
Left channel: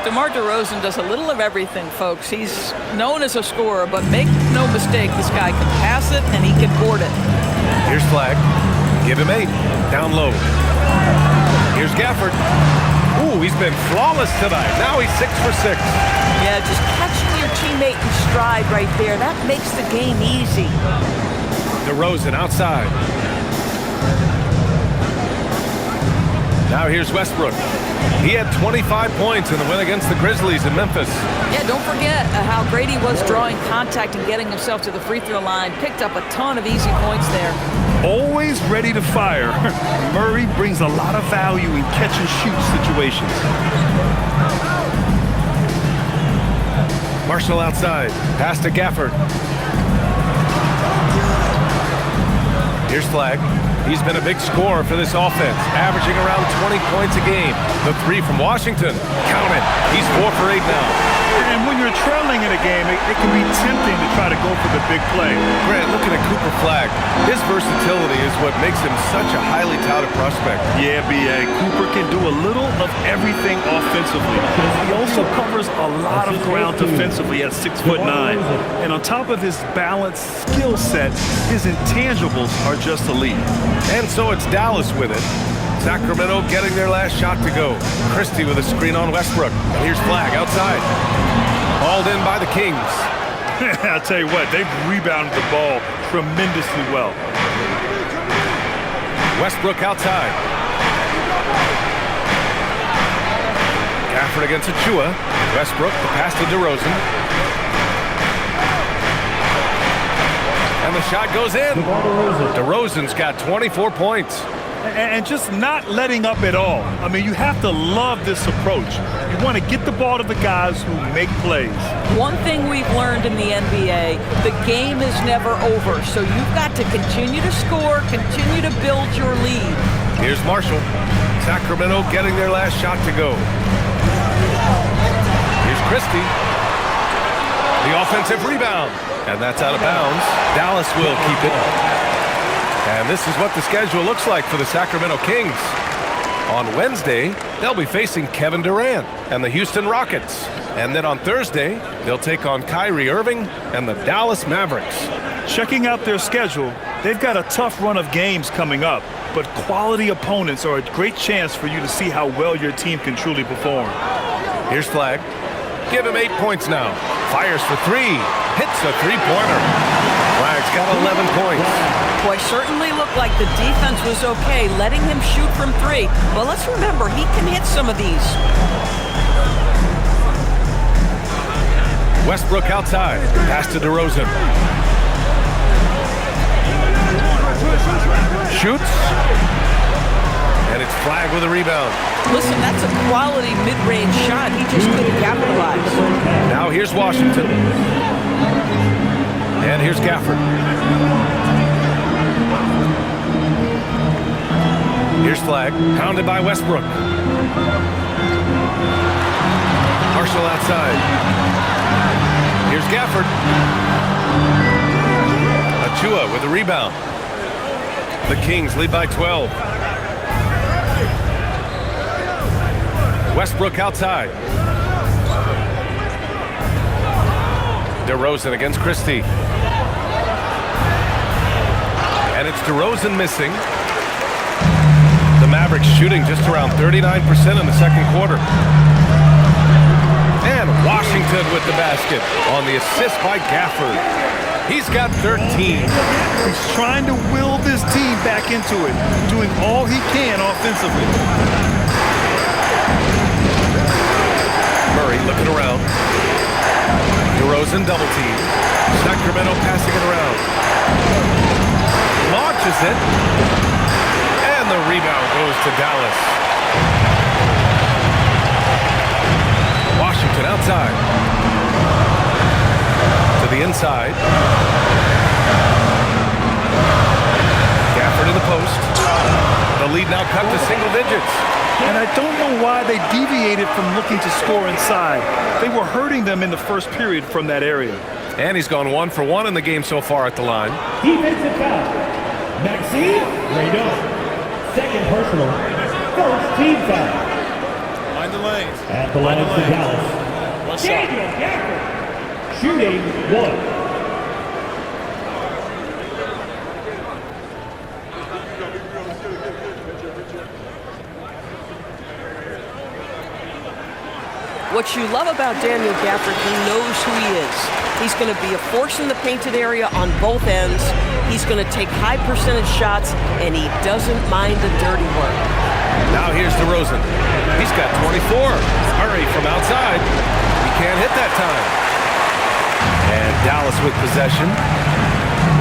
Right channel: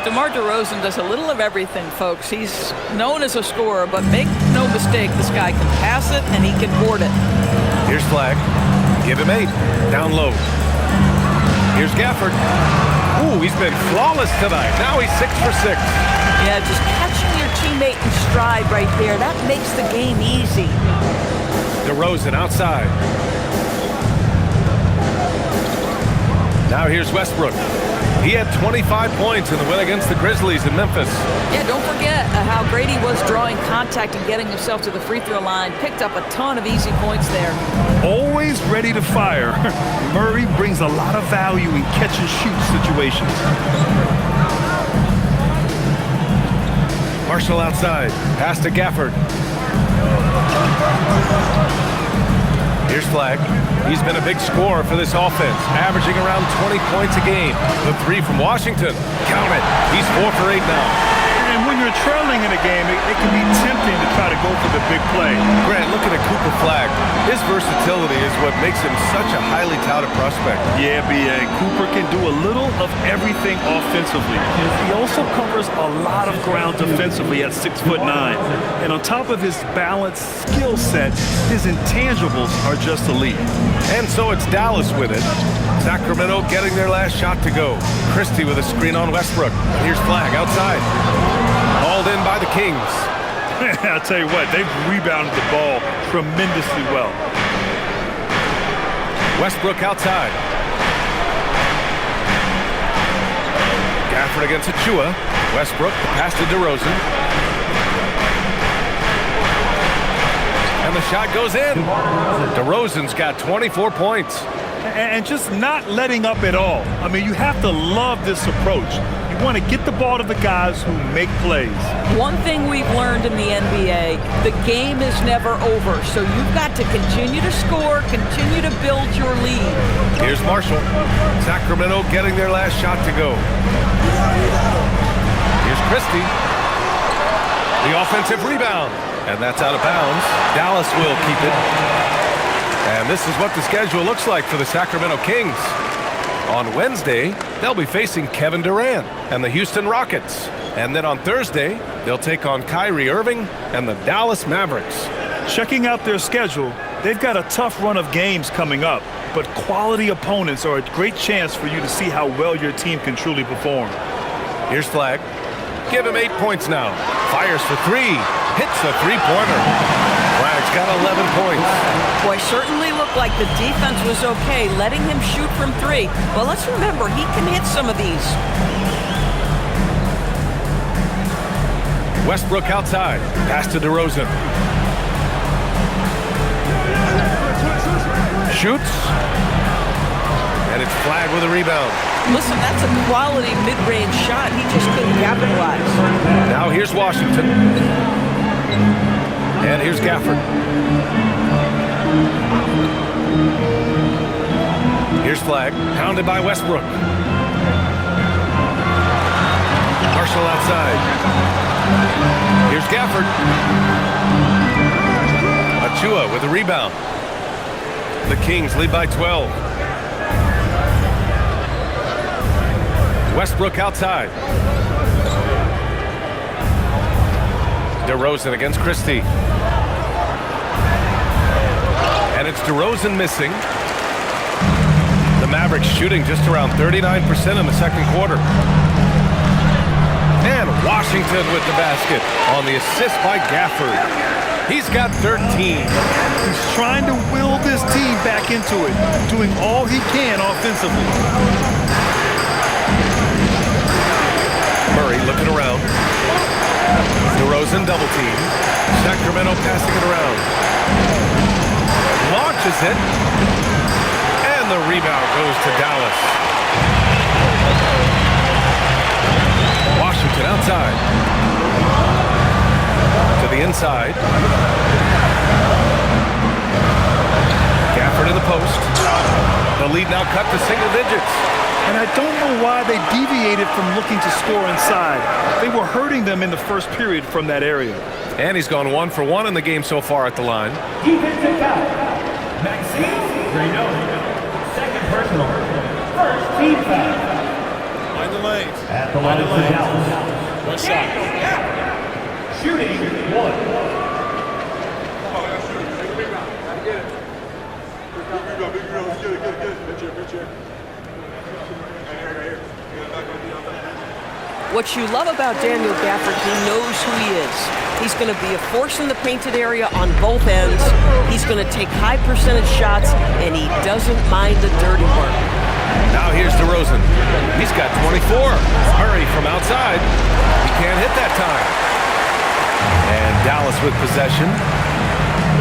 DeMar DeRozan does a little of everything, folks. He's known as a scorer, but make no mistake, this guy can pass it and he can board it. Here's Flagg. Give him 8. Down low. Here's Gafford. Ooh, he's been flawless tonight. Now he's 6 for 6. Yeah, just catching your teammate in stride right there. That makes the game easy. DeRozan outside. Now here's Westbrook. He had 25 points in the win against the Grizzlies in Memphis. Yeah, don't forget how great he was drawing contact and getting himself to the free throw line. Picked up a ton of easy points there. Always ready to fire. Murray brings a lot of value in catch-and-shoot situations. Marshall outside. Pass to Gafford. Here's flag. He's been a big scorer for this offense, averaging around 20 points a game. The three from Washington. Count it. He's 4 for 8 now. And when you're trailing in a game, it can be tempting to try to go for the big play. Grant, looking at Cooper Flagg, his versatility is what makes him such a highly touted prospect. Yeah, B.A. Cooper can do a little of everything offensively. He also covers a lot of ground defensively at 6'9". And on top of his balanced skill set, his intangibles are just elite. And so it's Dallas with it. Sacramento getting their last shot to go. Christie with a screen on Westbrook. And here's Flagg outside. Hauled in by the Kings. I'll tell you what, they've rebounded the ball tremendously well. Westbrook outside. Gafford against Achua. Westbrook, the pass to DeRozan. And the shot goes in. DeRozan's got 24 points. And just not letting up at all. I mean, you have to love this approach. You want to get the ball to the guys who make plays. One thing we've learned in the NBA, the game is never over. So you've got to continue to score, continue to build your lead. Here's Marshall. Sacramento getting their last shot to go. Here's Christie. The offensive rebound. And that's out of bounds. Dallas will keep it. And this is what the schedule looks like for the Sacramento Kings. On Wednesday, they'll be facing Kevin Durant and the Houston Rockets. And then on Thursday, they'll take on Kyrie Irving and the Dallas Mavericks. Checking out their schedule, they've got a tough run of games coming up, but quality opponents are a great chance for you to see how well your team can truly perform. Here's Flagg. Give him 8 points now. Fires for 3. Hits a three-pointer. Flagg's got 11 points. Boy, certainly looked like the defense was okay, letting him shoot from 3. But let's remember, he can hit some of these. Westbrook outside. Pass to DeRozan. Shoots. And it's Flagg with a rebound. Listen, that's a quality mid-range shot. He just couldn't capitalize. Now here's Washington. And here's Gafford. Here's Flagg, pounded by Westbrook. Marshall outside. Here's Gafford. Achua with a rebound. The Kings lead by 12. Westbrook outside. DeRozan against Christie. And it's DeRozan missing. The Mavericks shooting just around 39% in the second quarter. And Washington with the basket on the assist by Gafford. He's got 13. He's trying to will this team back into it, doing all he can offensively. Murray looking around. DeRozan double team. Sacramento passing it around. Launches it. And the rebound goes to Dallas. Washington outside. To the inside. Gafford in the post. The lead now cut to single digits. And I don't know why they deviated from looking to score inside. They were hurting them in the first period from that area. And he's gone 1 for 1 in the game so far at the line. Defensive foul. Maxime Reno. Second personal. First team foul. Mind the lanes. At the line of Dallas. One shot. Shooting 1. What you love about Daniel Gafford, he knows who he is. He's going to be a force in the painted area on both ends. He's going to take high percentage shots, and he doesn't mind the dirty work. Now here's DeRozan. He's got 24. Murray from outside. He can't hit that time. And Dallas with possession.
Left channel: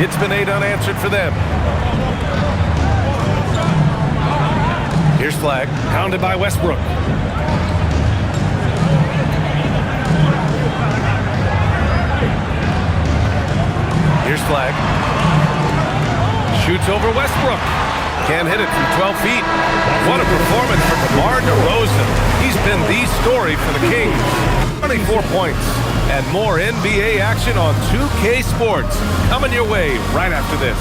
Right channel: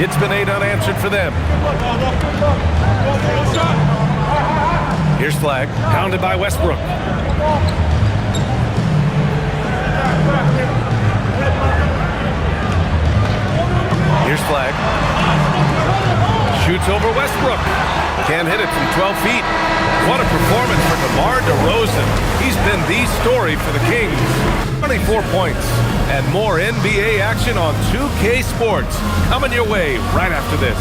It's been 8 unanswered for them. Here's Flagg, pounded by Westbrook. Here's Flagg. Shoots over Westbrook. Can't hit it from 12 feet. What a performance for DeMar DeRozan. He's been the story for the Kings. 24 points and more NBA action on 2K Sports. Coming your way right after this.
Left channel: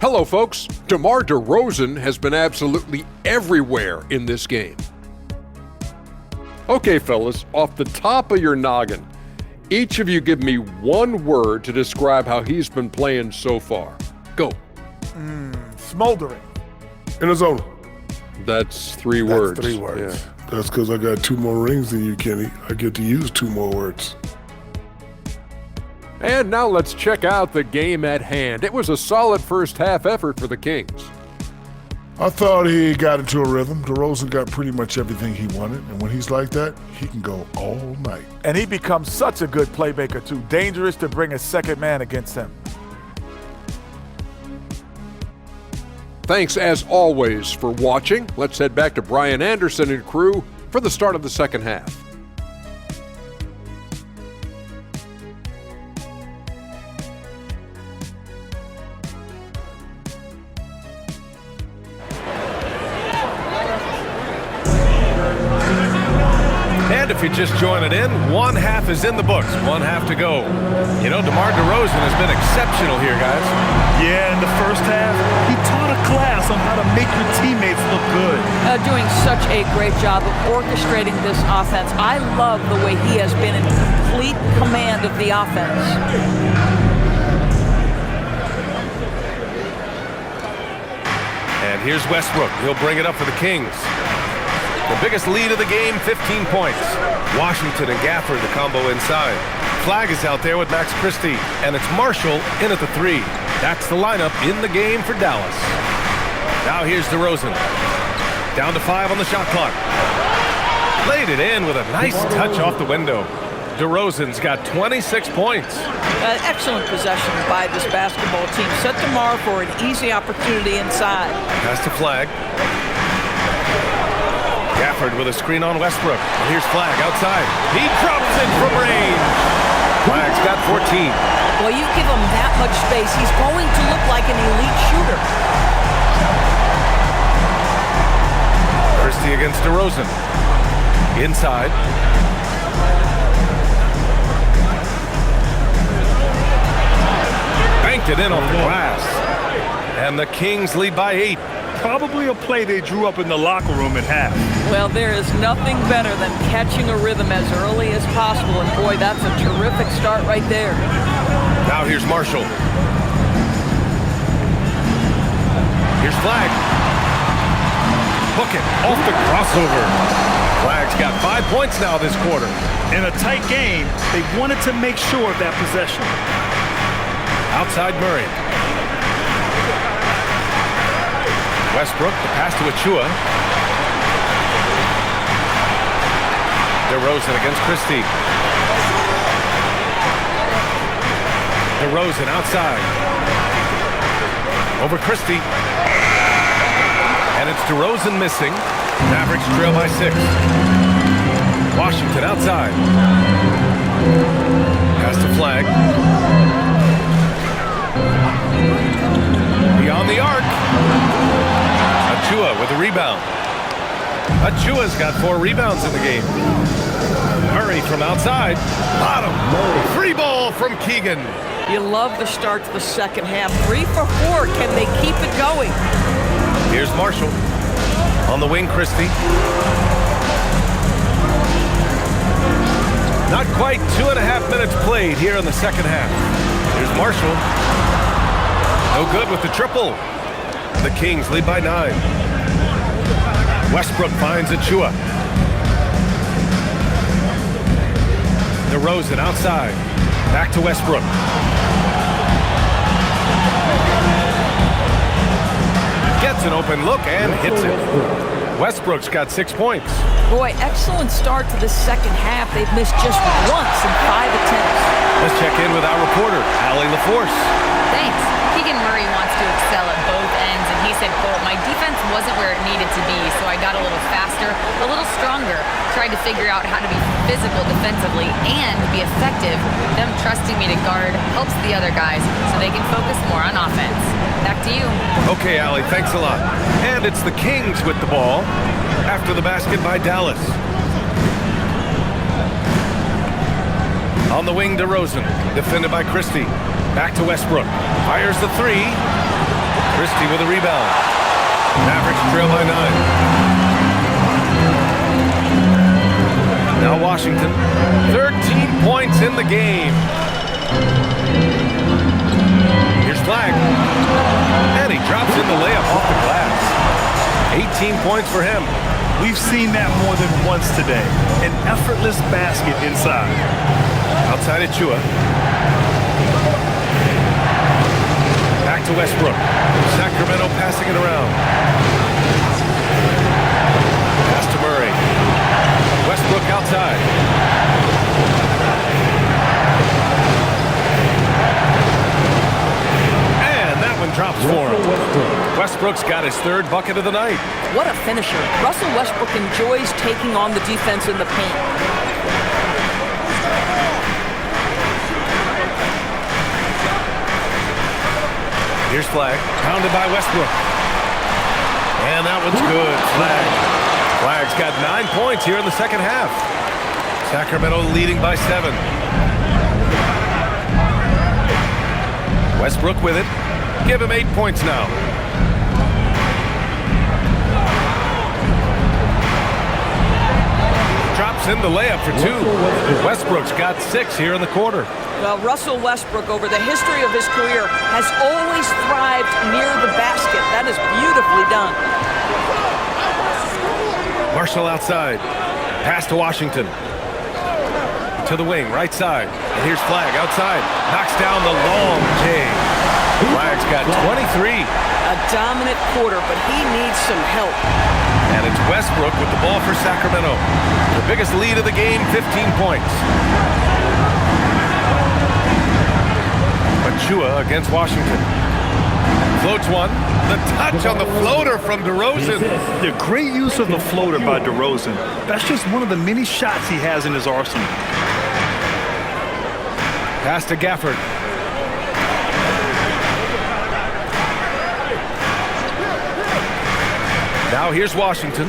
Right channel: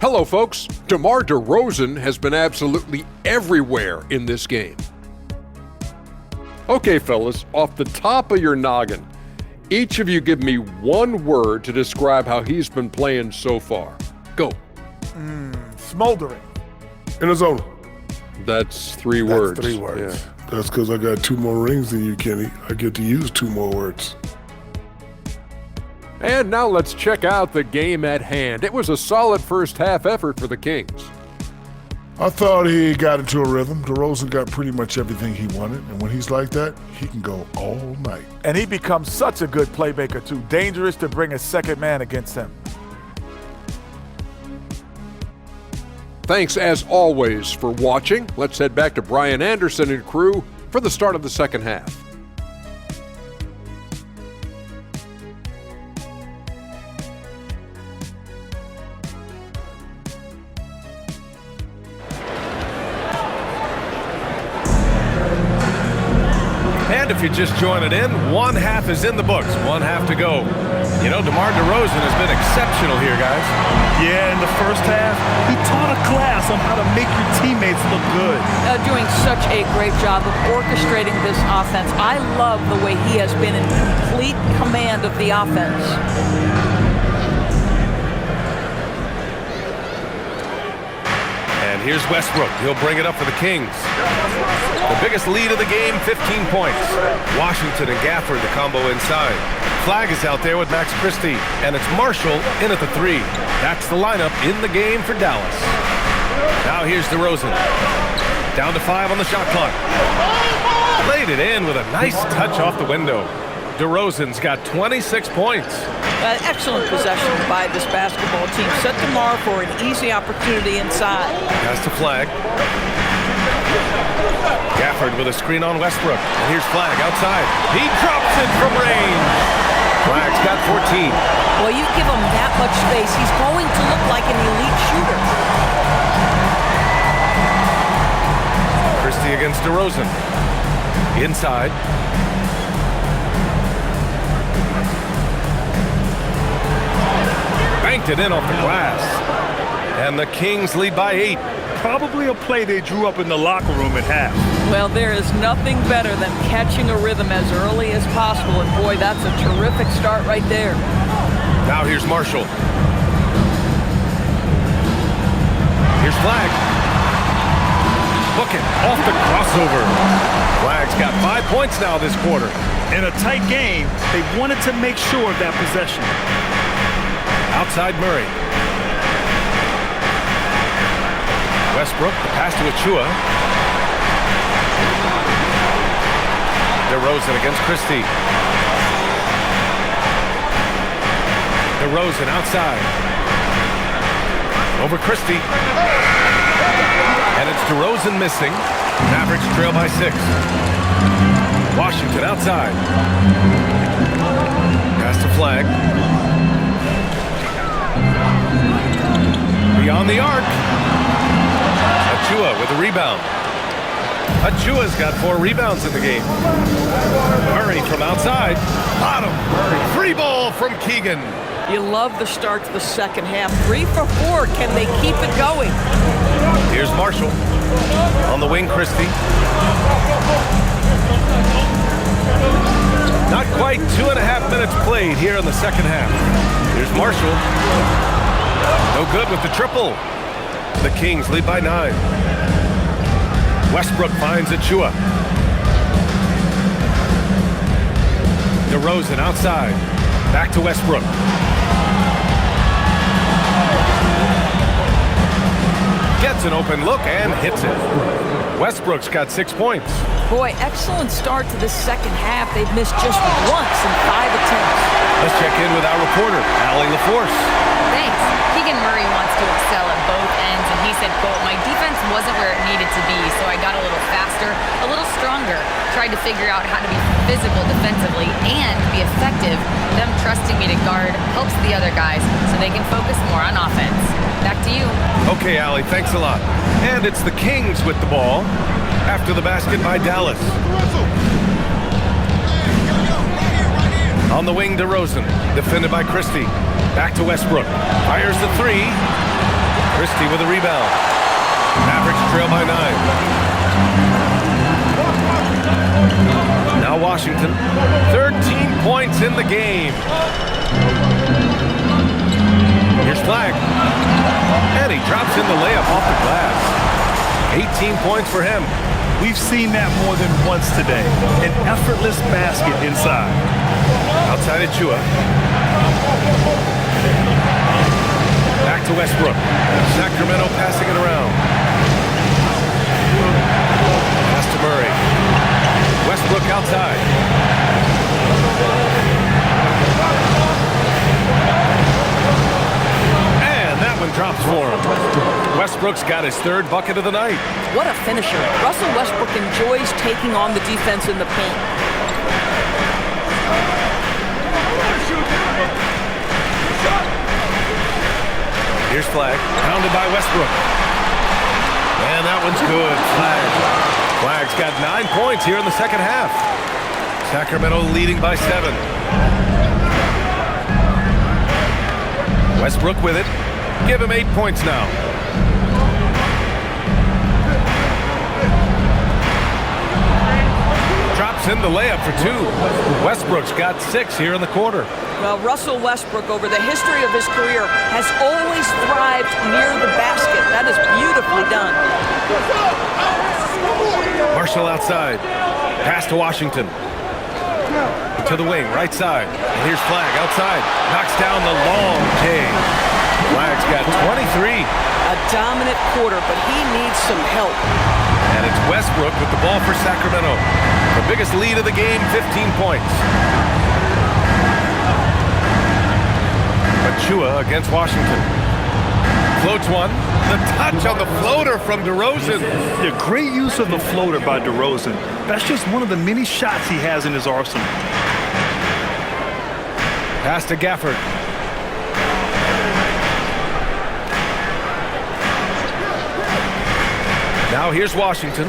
Hello, folks. DeMar DeRozan has been absolutely everywhere in this game. Okay, fellas, off the top of your noggin, each of you give me one word to describe how he's been playing so far. Go. Smoldering. In the zone. That's three words. That's 3 words. Yeah. That's because I got 2 more rings than you, Kenny. I get to use 2 more words. And now let's check out the game at hand. It was a solid first half effort for the Kings. I thought he got into a rhythm. DeRozan got pretty much everything he wanted, and when he's like that, he can go all night. And he becomes such a good playmaker, too. Dangerous to bring a second man against him. Thanks, as always, for watching. Let's head back to Brian Anderson and crew for the start of the second half. And if you're just joining in, one half is in the books, one half to go. You know, DeMar DeRozan has been exceptional here, guys. Yeah, in the first half, he taught a class on how to make your teammates look good. Doing such a great job of orchestrating this offense. I love the way he has been in complete command of the offense. And here's Westbrook. He'll bring it up for the Kings. The biggest lead of the game, 15 points. Washington and Gafford, the combo inside. Flag is out there with Max Christie, and it's Marshall in at the 3. That's the lineup in the game for Dallas. Now here's DeRozan. Down to 5 on the shot clock. Laid it in with a nice touch off the window. DeRozan's got 26 points. Excellent possession by this basketball team. Set DeMar for an easy opportunity inside. Pass to Flag. Gafford with a screen on Westbrook. And here's Flag outside. He drops it from range. Flag's got 14. Well, you give him that much space, he's going to look like an elite shooter. Christie against DeRozan. Inside. Banked it in off the glass. And the Kings lead by 8. Probably a play they drew up in the locker room at half. Well, there is nothing better than catching a rhythm as early as possible, and boy, that's a terrific start right there. Now here's Marshall. Here's Flag. Book it off the crossover. Flag's got 5 points now this quarter. In a tight game, they wanted to make sure of that possession. Outside Murray. Westbrook, the pass to Achua. DeRozan against Christie. DeRozan outside. Over Christie. And it's DeRozan missing. Mavericks trail by 6. Washington outside. Pass to Flag. Beyond the arc. Achua with a rebound. Achua's got 4 rebounds in the game. Murray from outside. Bottom. Free ball from Keegan. You love the start to the second half. 3 for 4. Can they keep it going? Here's Marshall. On the wing, Christie. Not quite 2.5 minutes played here in the second half. Here's Marshall. No good with the triple. The Kings lead by 9. Westbrook finds Achua. DeRozan outside. Back to Westbrook. Gets an open look and hits it. Westbrook's got 6 points. Boy, excellent start to the second half. They've missed just once in 5 attempts. Let's check in with our reporter, Allie LaForce. Thanks. Keegan Murray wants to excel at both ends, and he said, quote, "My defense wasn't where it needed to be, so I got a little faster, a little stronger, tried to figure out how to be physical defensively and be effective. Them trusting me to guard helps the other guys so they can focus more on offense." Back to you. Okay, Allie, thanks a lot. And it's the Kings with the ball after the basket by Dallas. On the wing, DeRozan, defended by Christie. Back to Westbrook. Fires the three. Christie with a rebound. Mavericks trail by 9. Now Washington. 13 points in the game. Here's Flag. And he drops in the layup off the glass. 18 points for him. We've seen that more than once today. An effortless basket inside. Outside Achua. Back to Westbrook. Sacramento passing it around. Pass to Murray. Westbrook outside. And that one drops for him. Westbrook's got his 3rd bucket of the night. What a finisher. Russell Westbrook enjoys taking on the defense in the paint. Here's Flag, pounded by Westbrook. And that one's good. Flag's got 9 points here in the second half. Sacramento leading by 7. Westbrook with it. Give him 8 points now. Drops in the layup for 2. Westbrook's got 6 here in the quarter. Well, Russell Westbrook, over the history of his career, has always thrived near the basket. That is beautifully done. Marshall outside. Pass to Washington. To the wing, right side. And here's Flag outside. Knocks down the long J. Flag's got 23. A dominant quarter, but he needs some help. And it's Westbrook with the ball for Sacramento. The biggest lead of the game, 15 points. Achua against Washington. Floats one. The touch on the floater from DeRozan. The great use of the floater by DeRozan. That's just one of the many shots he has in his arsenal. Pass to Gafford. Now here's Washington.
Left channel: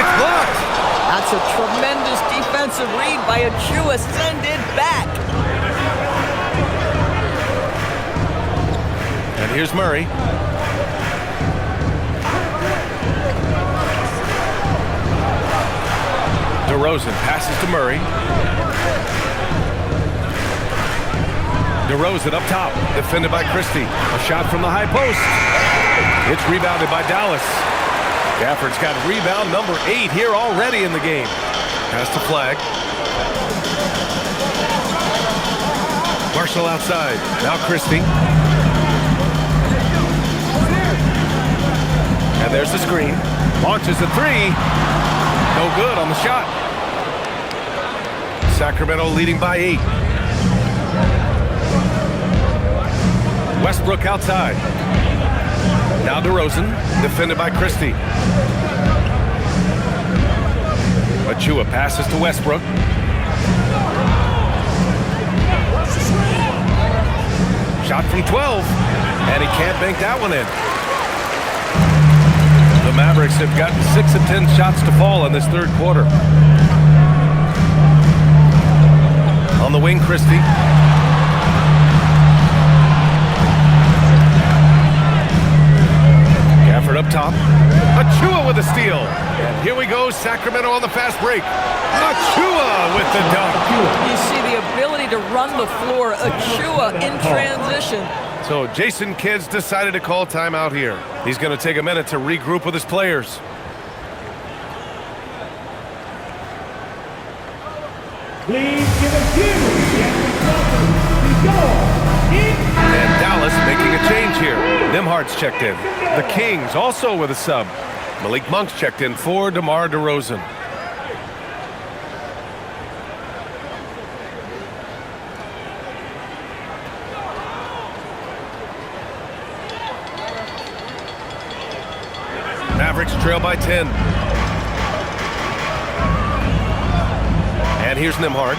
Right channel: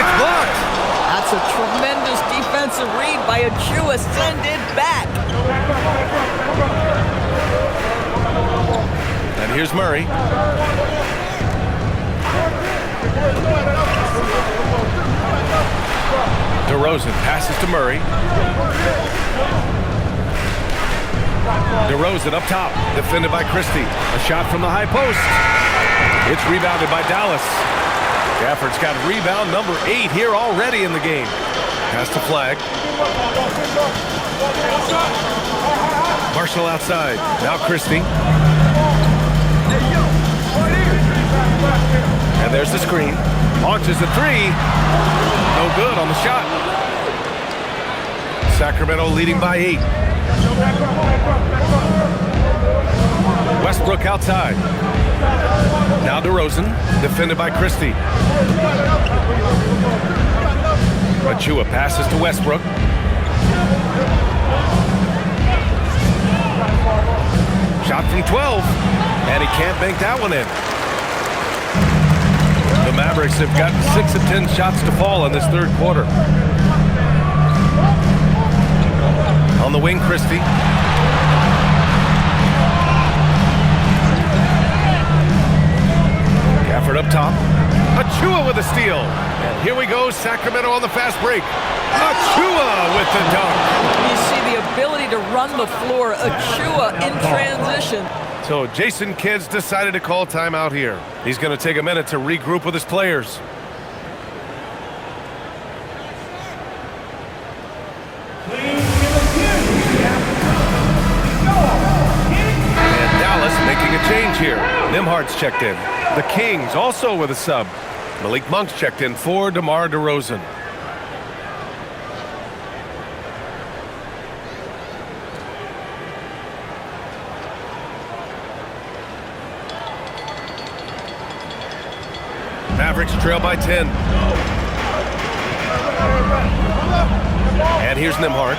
It's blocked. That's a tremendous defensive read by Achua. Send it back. And here's Murray. DeRozan passes to Murray. DeRozan up top, defended by Christie. A shot from the high post. It's rebounded by Dallas. Gafford's got rebound number 8 here already in the game. Pass to Flag. Marshall outside. Now Christie. And there's the screen. Launches a 3. No good on the shot. Sacramento leading by 8. Westbrook outside. Now DeRozan, defended by Christie. Achua passes to Westbrook. Shot from 12, and he can't bank that one in. The Mavericks have gotten 6 of 10 shots to fall in this 3rd quarter. On the wing, Christie. Gafford up top. Achua with a steal. And here we go, Sacramento on the fast break. Achua with the dunk. You see the ability to run the floor. Achua in transition. So Jason Kidd's decided to call timeout here. He's going to take a minute to regroup with his players. Please give a cue. And Dallas making a change here. Nimhardt's checked in. The Kings also with a sub. Malik Monk's checked in for DeMar DeRozan. Mavericks trail by 10. And here's Nembhard.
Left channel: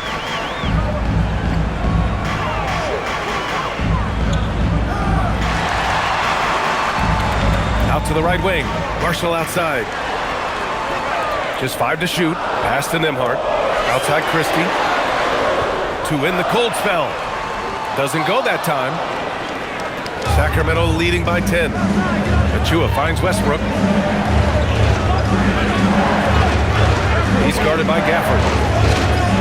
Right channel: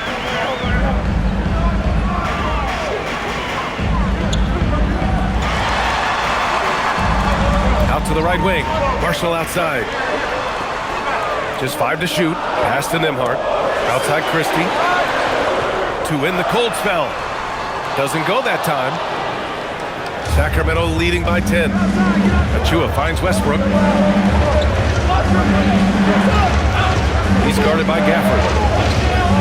Out to the right wing. Marshall outside. Just 5 to shoot. Pass to Nembhard. Outside Christie. To win the cold spell. Doesn't go that time. Sacramento leading by 10. Achua finds Westbrook. He's guarded by Gafford.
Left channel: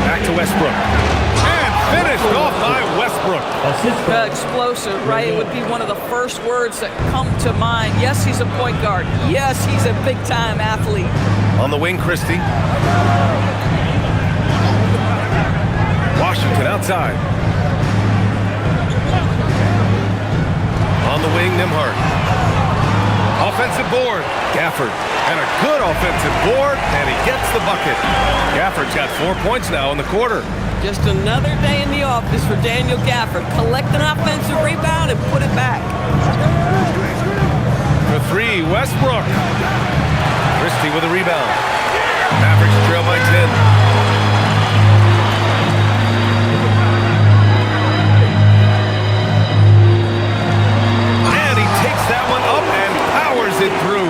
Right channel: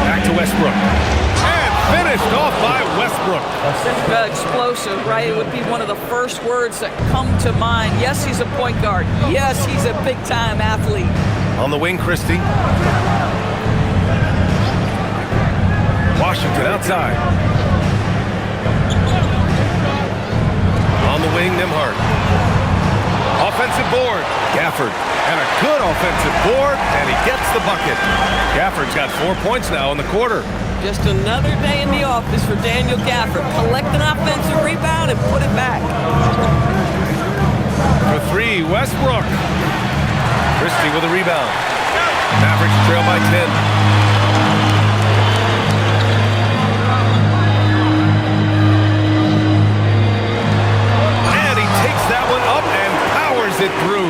Back to Westbrook. And finished off by Westbrook. Explosive, right? It would be one of the first words that come to mind. Yes, he's a point guard. Yes, he's a big-time athlete. On the wing, Christie. Washington outside. On the wing, Nembhard. Offensive board. Gafford. And a good offensive board, and he gets the bucket. Gafford's got 4 points now in the quarter. Just another day in the office for Daniel Gafford. Collect an offensive rebound and put it back. For 3, Westbrook. Christie with a rebound. Mavericks trail by 10. That one up and powers it through.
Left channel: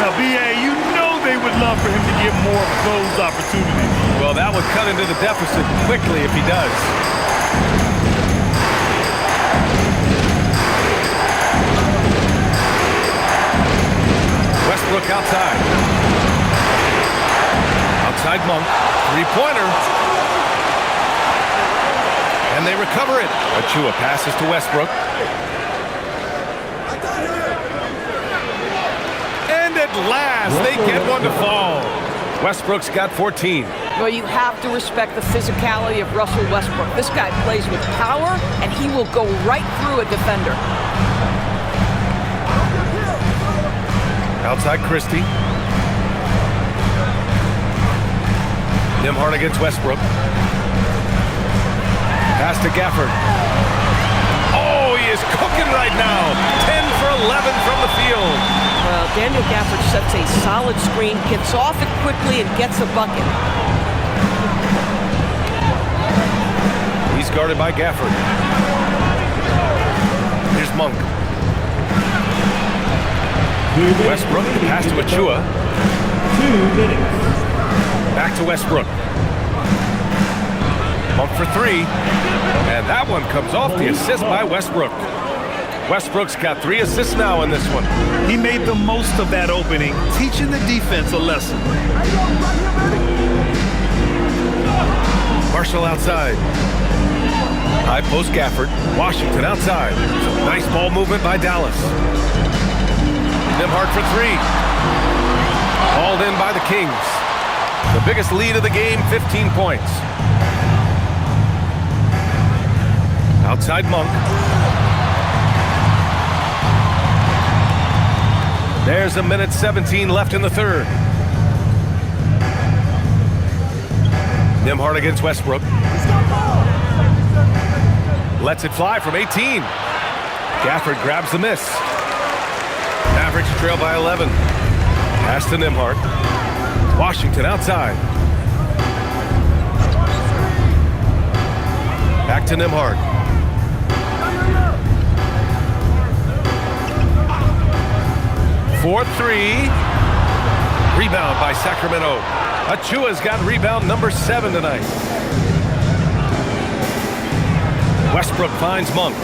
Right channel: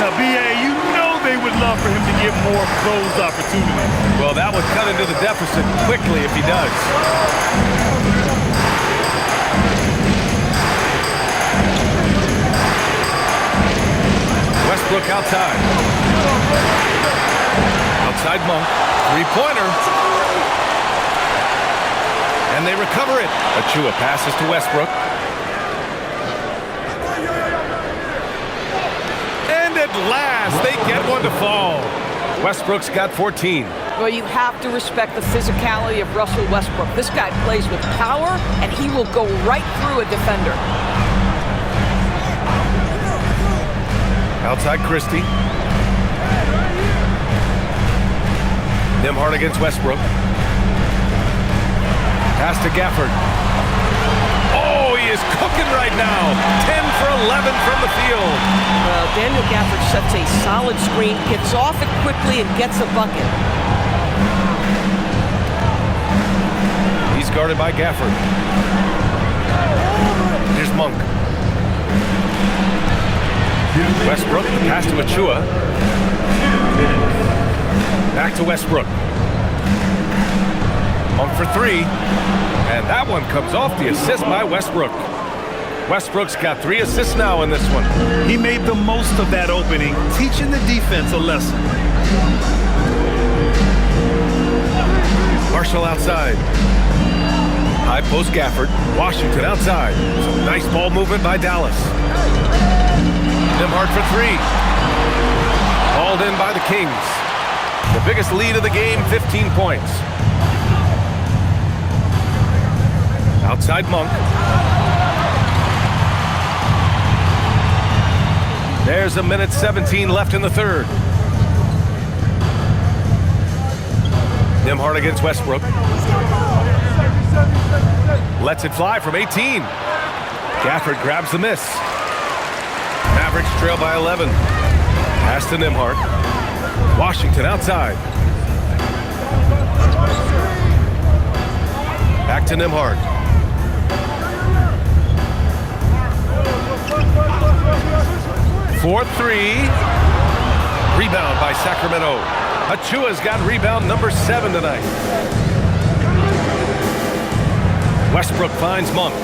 Now, B.A., you know they would love for him to get more of those opportunities. Well, that would cut into the deficit quickly if he does. Westbrook outside. Outside Monk. Three-pointer. And they recover it. Achua passes to Westbrook. At last, they get one to fall. Westbrook's got 14. Well, you have to respect the physicality of Russell Westbrook. This guy plays with power, and he will go right through a defender. Outside Christie. Nembhard against Westbrook. Pass to Gafford. Oh, he is cooking right now. 10 for 11 from the field. Well, Daniel Gafford sets a solid screen, gets off it quickly, and gets a bucket. He's guarded by Gafford. Here's Monk. Westbrook, the pass to Achua. Back to Westbrook. Monk for 3. And that one comes off the assist by Westbrook. Westbrook's got 3 assists now in this one. He made the most of that opening, teaching the defense a lesson. Marshall outside. High post Gafford. Washington outside. Some nice ball movement by Dallas. Nembhard for 3. Hauled in by the Kings. The biggest lead of the game, 15 points. Outside Monk. There's 1:17 left in the third. Nembhard against Westbrook. Lets it fly from 18. Gafford grabs the miss. Mavericks trail by 11. Pass to Nembhard. Washington outside. Back to Nembhard. For 3. Rebound by Sacramento. Achua's got rebound number 7 tonight. Westbrook finds Monk.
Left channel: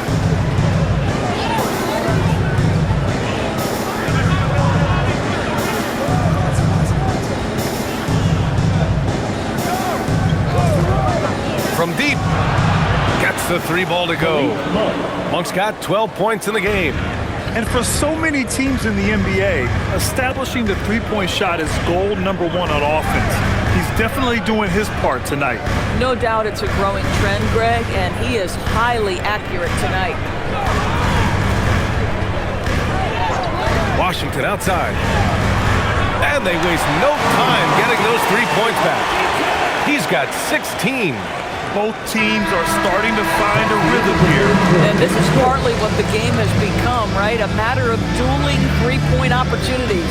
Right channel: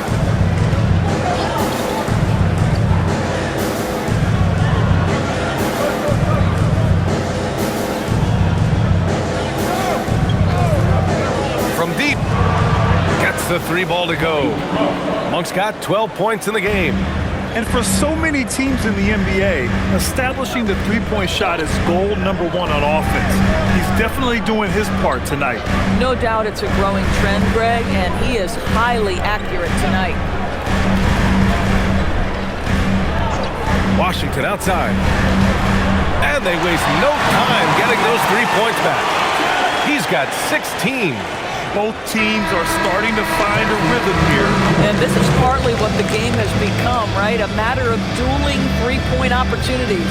From deep. Gets the 3 ball to go. Monk's got 12 points in the game. And for so many teams in the NBA, establishing the three-point shot is goal number 1 on offense. He's definitely doing his part tonight. No doubt it's a growing trend, Greg, and he is highly accurate tonight. Washington outside. And they waste no time getting those 3 points back. He's got 16. Both teams are starting to find a rhythm here. And this is partly what the game has become, right? A matter of dueling three-point opportunities.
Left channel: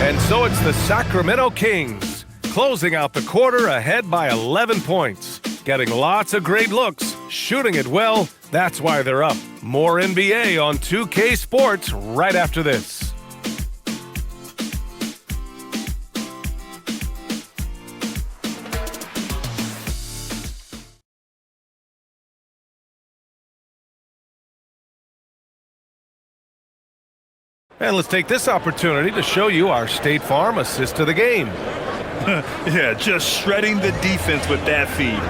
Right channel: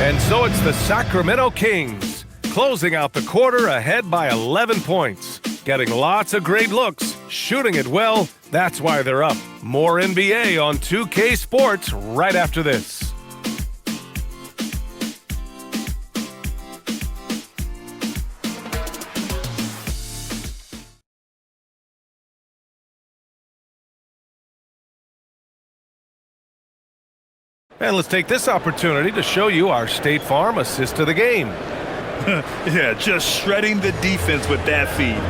And so it's the Sacramento Kings closing out the quarter ahead by 11 points. Getting lots of great looks, shooting it well. That's why they're up. More NBA on 2K Sports right after this. And let's take this opportunity to show you our State Farm assist to the game. Yeah, just shredding the defense with that feed.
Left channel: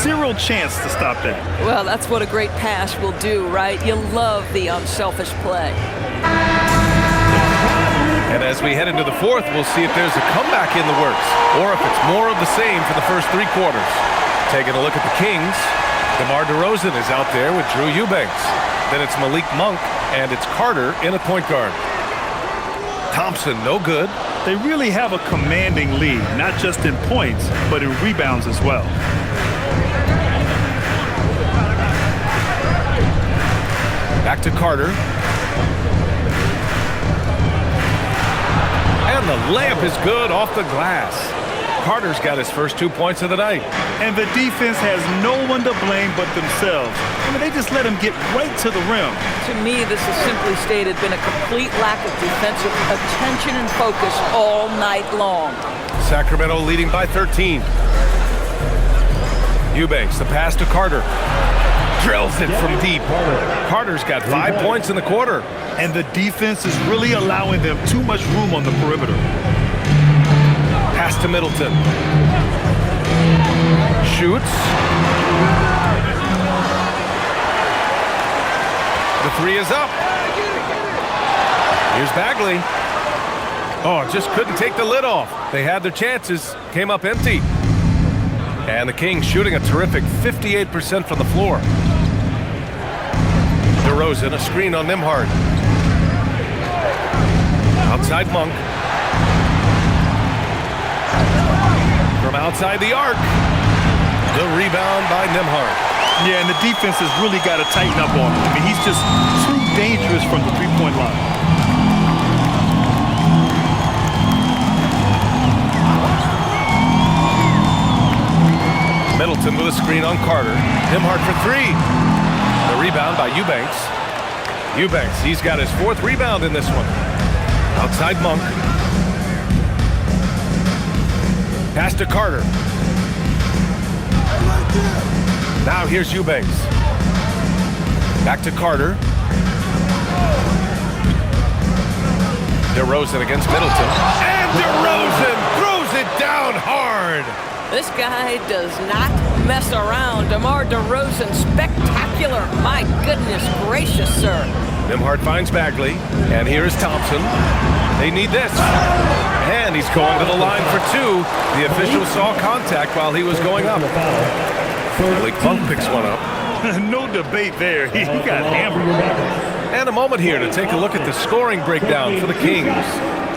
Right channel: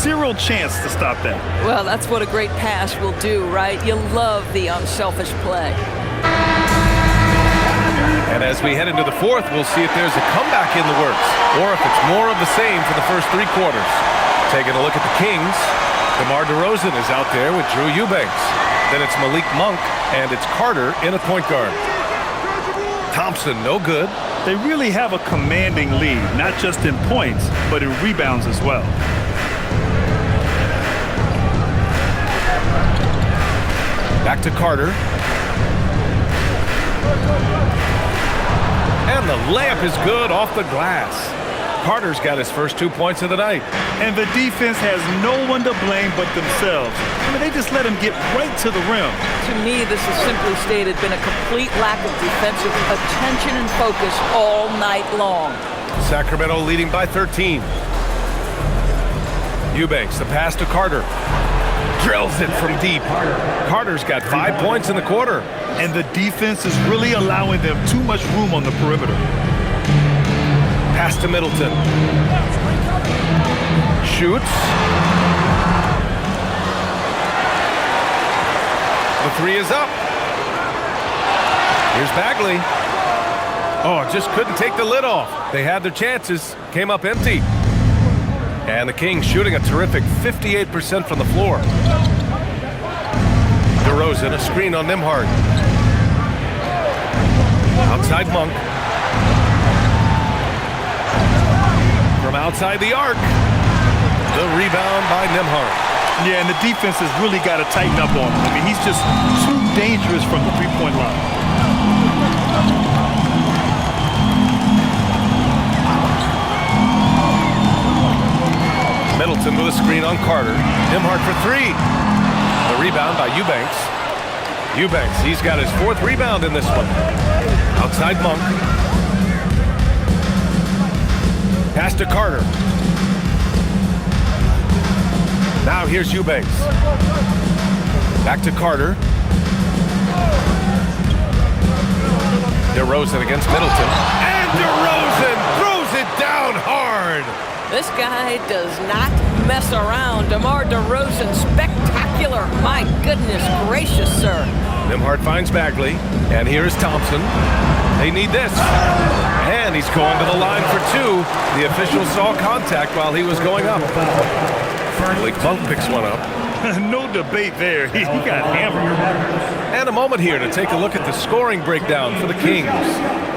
Zero chance to stop that. Well, that's what a great pass will do, right? You love the unselfish play. And as we head into the fourth, we'll see if there's a comeback in the works or if it's more of the same for the first 3 quarters. Taking a look at the Kings, DeMar DeRozan is out there with Drew Eubanks. Then it's Malik Monk, and it's Carter in at point guard. Thompson, no good. They really have a commanding lead, not just in points, but in rebounds as well. Back to Carter. And the layup is good off the glass. Carter's got his first 2 points of the night. And the defense has no one to blame but themselves. I mean, they just let him get right to the rim. To me, this has simply stated been a complete lack of defensive attention and focus all night long. Sacramento leading by 13. Eubanks, the pass to Carter. Drills it from deep. Carter's got 5 points in the quarter. And the defense is really allowing them too much room on the perimeter. Pass to Middleton. Shoots. The 3 is up. Here's Bagley. Oh, just couldn't take the lid off. They had their chances, came up empty. And the Kings shooting a terrific 58% from the floor. DeRozan, a screen on Nembhard. Outside Monk. From outside the arc. The rebound by Nembhard. Yeah, and the defense has really got to tighten up on him. I mean, he's just too dangerous from the three-point line. Middleton with a screen on Carter. Nembhard for 3. The rebound by Eubanks. Eubanks, he's got his 4th rebound in this one. Outside Monk. Pass to Carter. Now here's Eubanks. Back to Carter. DeRozan against Middleton. And DeRozan throws it down hard. This guy does not mess around. DeMar DeRozan, spectacular. My goodness gracious, sir. Nembhard finds Bagley. And here is Thompson. They need this. And he's going to the line for 2. The official saw contact while he was going up. Malik Monk picks one up. No debate there. He got hammered. And a moment here to take a look at the scoring breakdown for the Kings.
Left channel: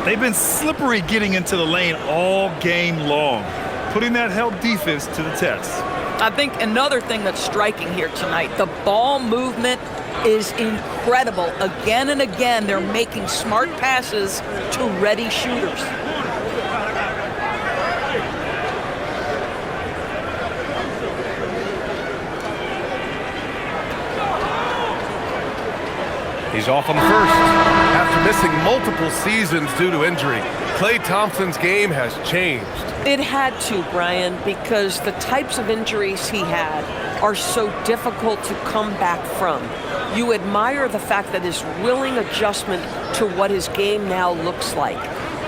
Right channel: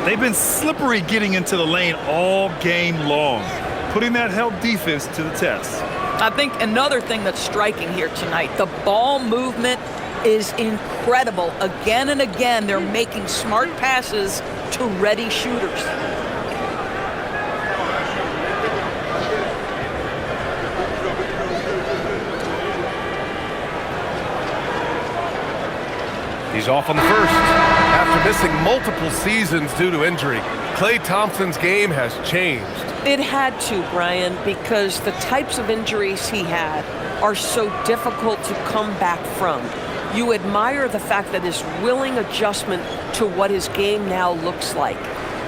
They've been slippery getting into the lane all game long, putting that help defense to the test. I think another thing that's striking here tonight, the ball movement is incredible. Again and again, they're making smart passes to ready shooters. He's off on the first. After missing multiple seasons due to injury, Klay Thompson's game has changed. It had to, Brian, because the types of injuries he had are so difficult to come back from. You admire the fact that his willing adjustment to what his game now looks like.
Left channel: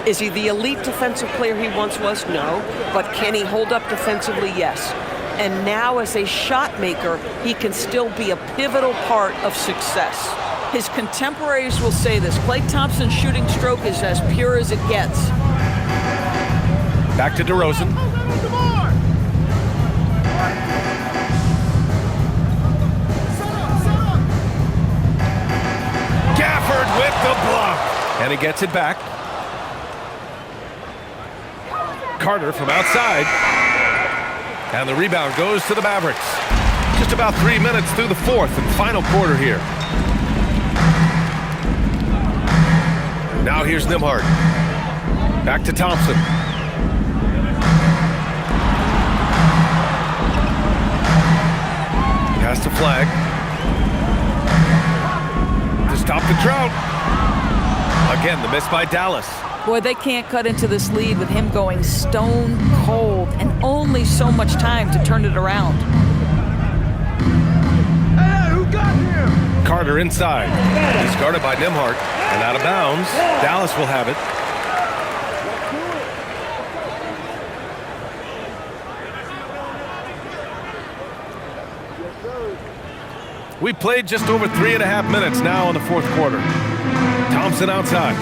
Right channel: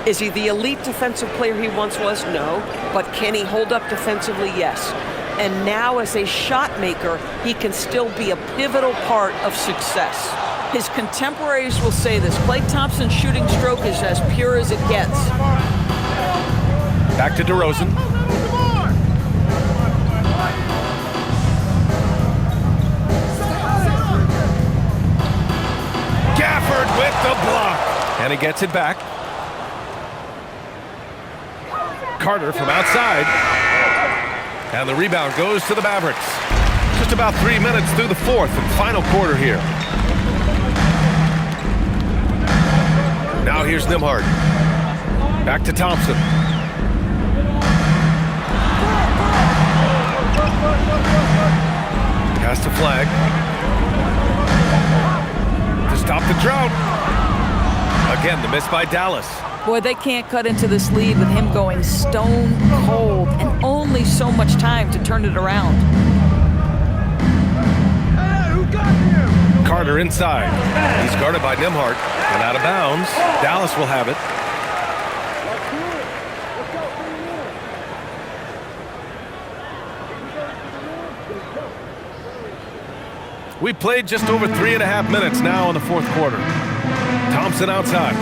Is he the elite defensive player he once was? No. But can he hold up defensively? Yes. And now as a shot maker, he can still be a pivotal part of success. His contemporaries will say this. Klay Thompson's shooting stroke is as pure as it gets. Back to DeRozan. Gafford with the block. And he gets it back. Carter from outside. And the rebound goes to the Mavericks. Just about 3 minutes through the fourth and final quarter here. Now here's Nembhard. Back to Thompson. Pass to Flag. To stop the drought. Again, the miss by Dallas. Boy, they can't cut into this lead with him going stone cold and only so much time to turn it around. Carter inside. He's guarded by Nembhard and out of bounds. Dallas will have it. Let's do it. Let's go. 3 minutes. We played just over 3.5 minutes now in the fourth quarter. Thompson outside.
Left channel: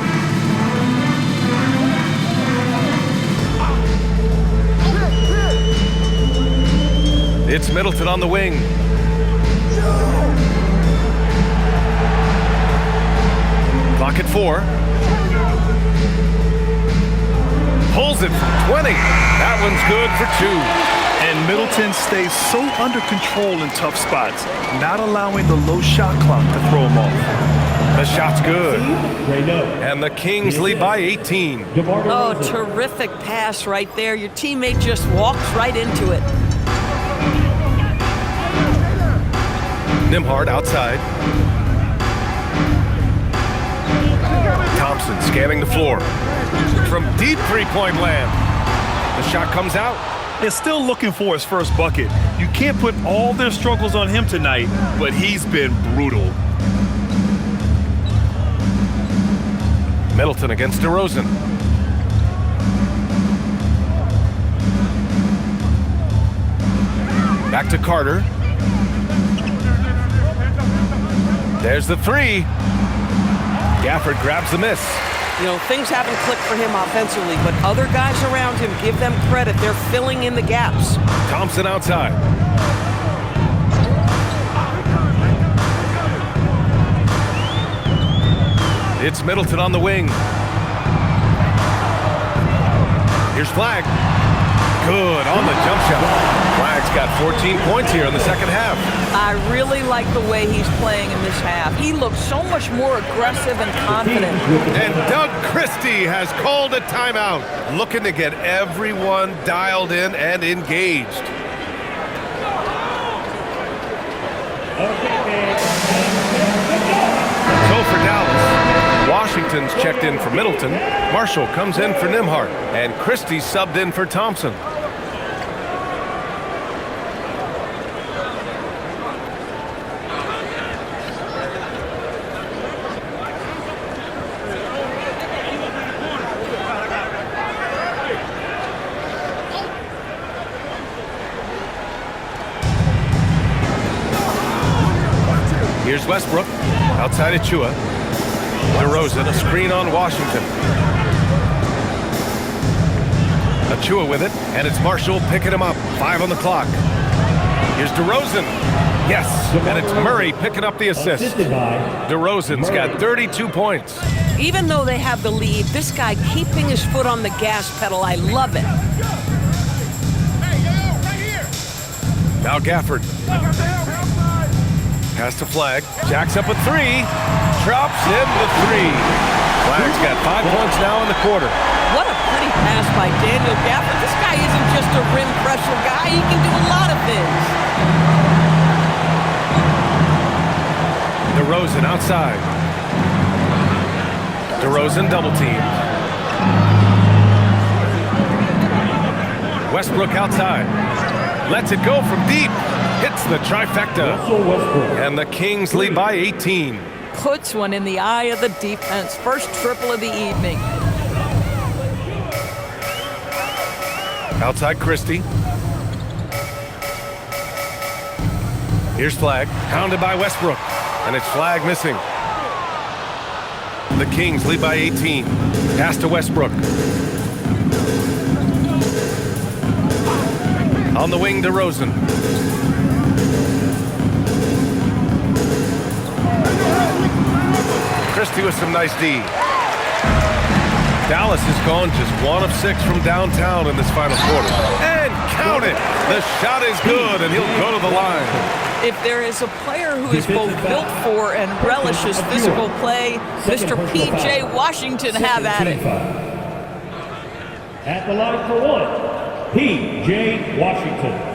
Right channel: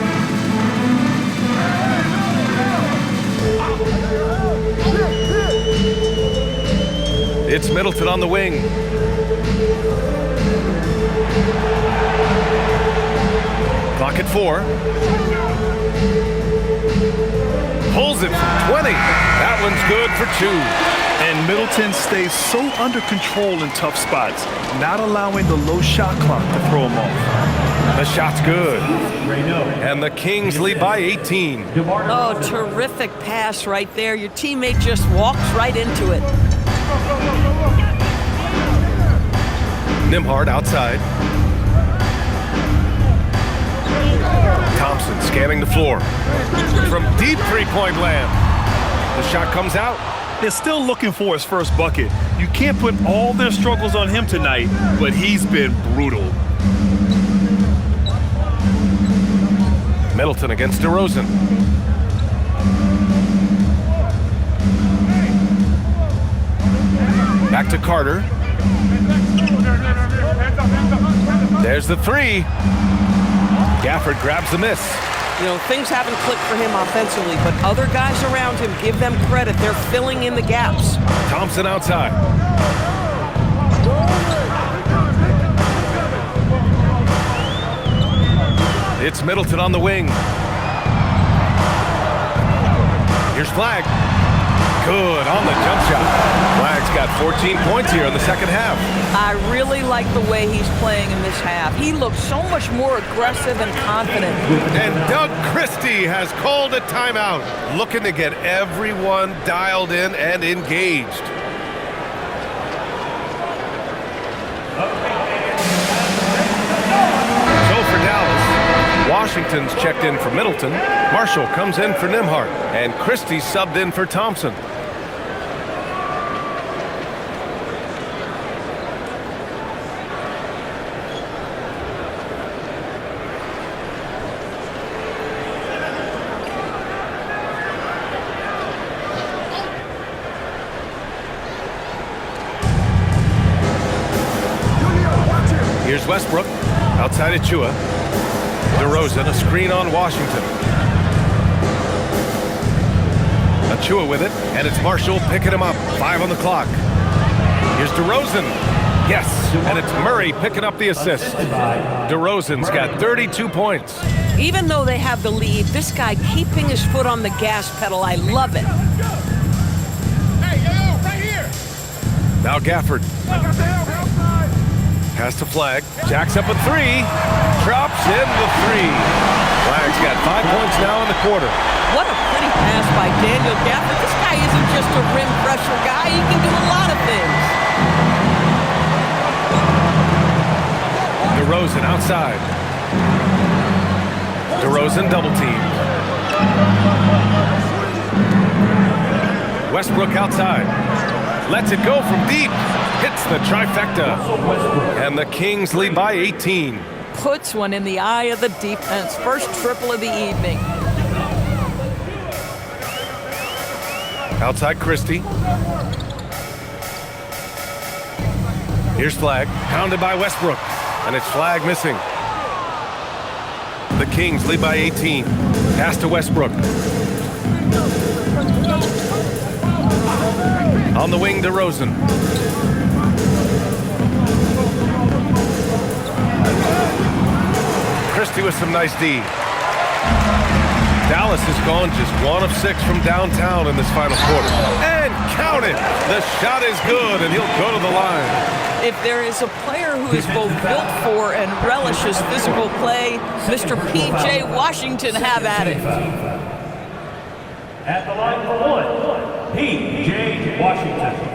It's Middleton on the wing. Clock at 4. Pulls it from 20. That one's good for 2. And Middleton stays so under control in tough spots, not allowing the low shot clock to throw him off. The shot's good. And the Kings lead by 18. Oh, terrific pass right there. Your teammate just walks right into it. Nembhard outside. Thompson scanning the floor. From deep three-point land. The shot comes out. They're still looking for his first bucket. You can't put all their struggles on him tonight, but he's been brutal. Middleton against DeRozan. Back to Carter. There's the 3. Gafford grabs the miss. You know, things haven't clicked for him offensively, but other guys around him, give them credit. They're filling in the gaps. Thompson outside. It's Middleton on the wing. Here's Flag. Good on the jump shot. Flag's got 14 points here in the second half. I really like the way he's playing in this half. He looks so much more aggressive and confident. And Doug Christie has called a timeout, looking to get everyone dialed in and engaged. So for Dallas, Washington's checked in for Middleton, Marshall comes in for Nembhard, and Christie subbed in for Thompson. Here's Westbrook, outside Achua. DeRozan, a screen on Washington. Achua with it, and it's Marshall picking him up. 5 on the clock. Here's DeRozan. Yes, and it's Murray picking up the assist. DeRozan's got 32 points. Even though they have the lead, this guy keeping his foot on the gas pedal, I love it. Now Gafford. Pass to Flag. Jacks up a 3. Drops in the 3. Flag's got 5 points now in the quarter. What a pretty pass by Daniel Gafford. This guy isn't just a rim pressure guy. He can do a lot of things. DeRozan outside. DeRozan double teamed. Westbrook outside. Lets it go from deep. Hits the trifecta. And the Kings lead by 18. Puts one in the eye of the defense. First triple of the evening. Outside Christie. Here's Flag. Pounded by Westbrook. And it's Flag missing. The Kings lead by 18. Pass to Westbrook. On the wing, DeRozan. Christie with some nice D. Dallas has gone just 1 of 6 from downtown in this final quarter. And count it! The shot is good, and he'll go to the line. If there is a player who is both built for and relishes physical play, Mr. P.J. Washington, have at it. At the line for one, P.J. Washington.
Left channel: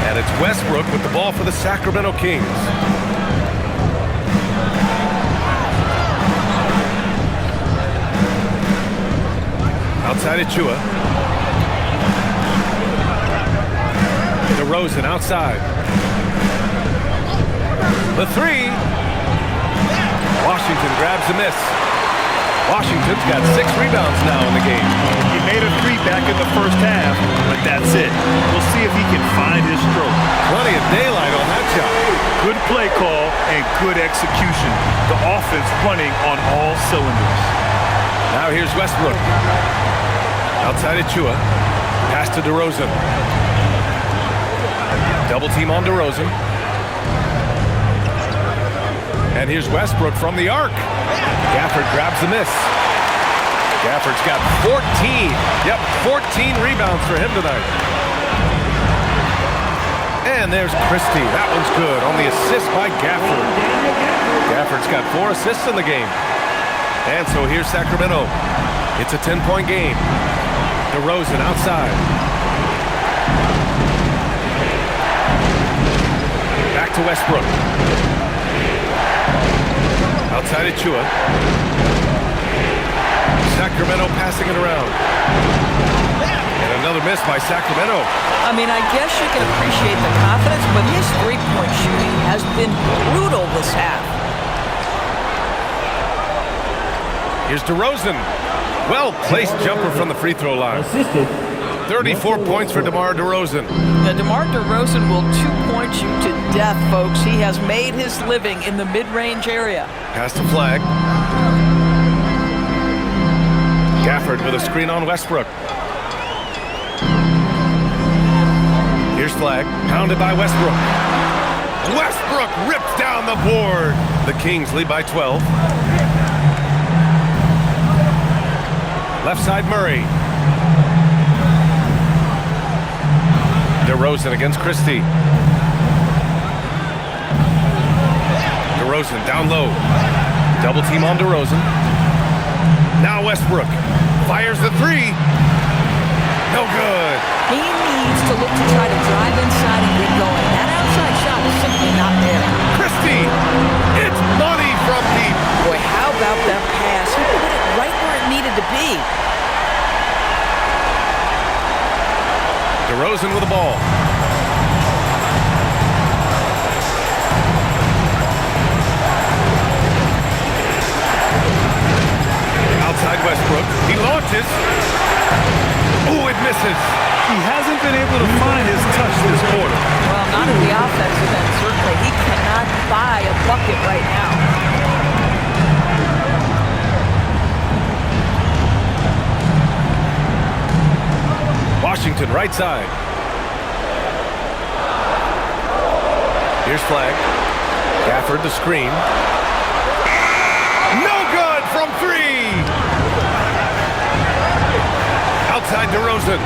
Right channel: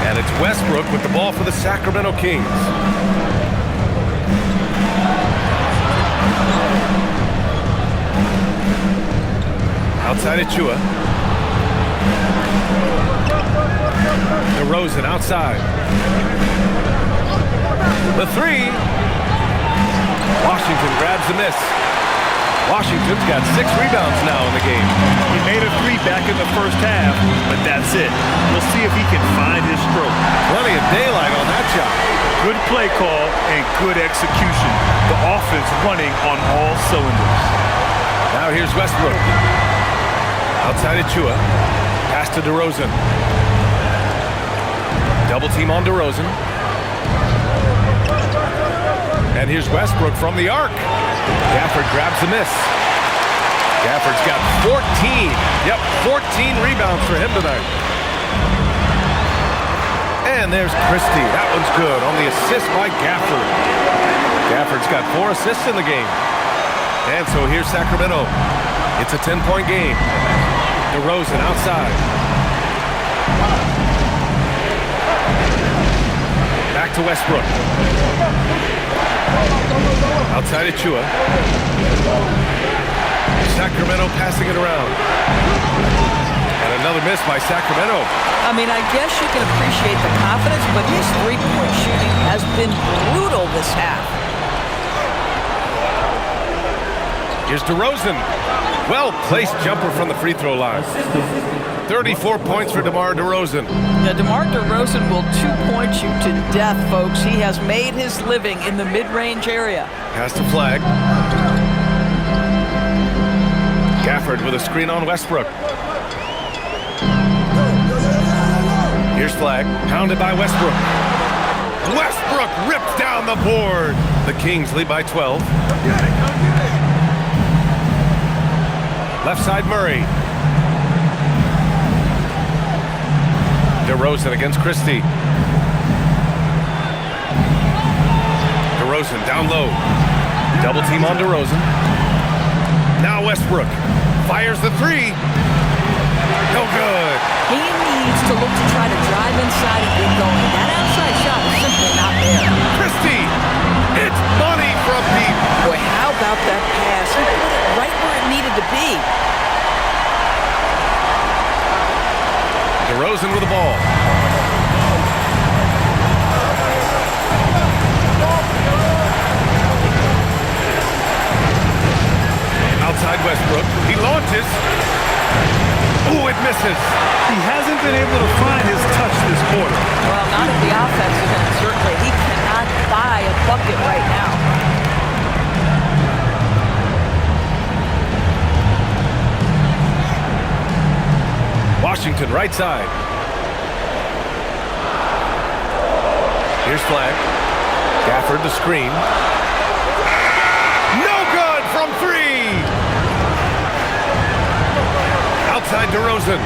And it's Westbrook with the ball for the Sacramento Kings. Outside Achua. DeRozan outside. The three. Washington grabs the miss. Washington's got 6 rebounds now in the game. He made a 3 back in the first half, but that's it. We'll see if he can find his stroke. Plenty of daylight on that shot. Good play call and good execution. The offense running on all cylinders. Now here's Westbrook. Outside Achua. Pass to DeRozan. Double team on DeRozan. And here's Westbrook from the arc. Gafford grabs the miss. Gafford's got 14. Yep, 14 rebounds for him tonight. And there's Christie. That one's good on the assist by Gafford. Gafford's got 4 assists in the game. And so here's Sacramento. It's a 10-point game. DeRozan outside. Back to Westbrook. Outside Achua. Sacramento passing it around. And another miss by Sacramento. I mean, I guess you can appreciate the confidence, but his three-point shooting has been brutal this half. Here's DeRozan. Well-placed jumper from the free throw line. 34 points for DeMar DeRozan. Now, DeMar DeRozan will 2-point you to death, folks. He has made his living in the mid-range area. Pass to Flag. Gafford with a screen on Westbrook. Here's Flag. Pounded by Westbrook. Westbrook rips down the board. The Kings lead by 12. Left side Murray. DeRozan against Christie. DeRozan down low. Double team on DeRozan. Now Westbrook fires the 3. No good. He needs to look to try to drive inside and get going. That outside shot is simply not there. Christie, it's money from deep. Boy, how about that pass? He put it right where it needed to be. DeRozan with the ball. Outside Westbrook. He launches. Ooh, it misses. He hasn't been able to find his touch this quarter. Well, not at the offensive end, certainly. He cannot buy a bucket right now. Washington, right side. Here's Flag. Gafford the screen. No good from 3. Outside DeRozan.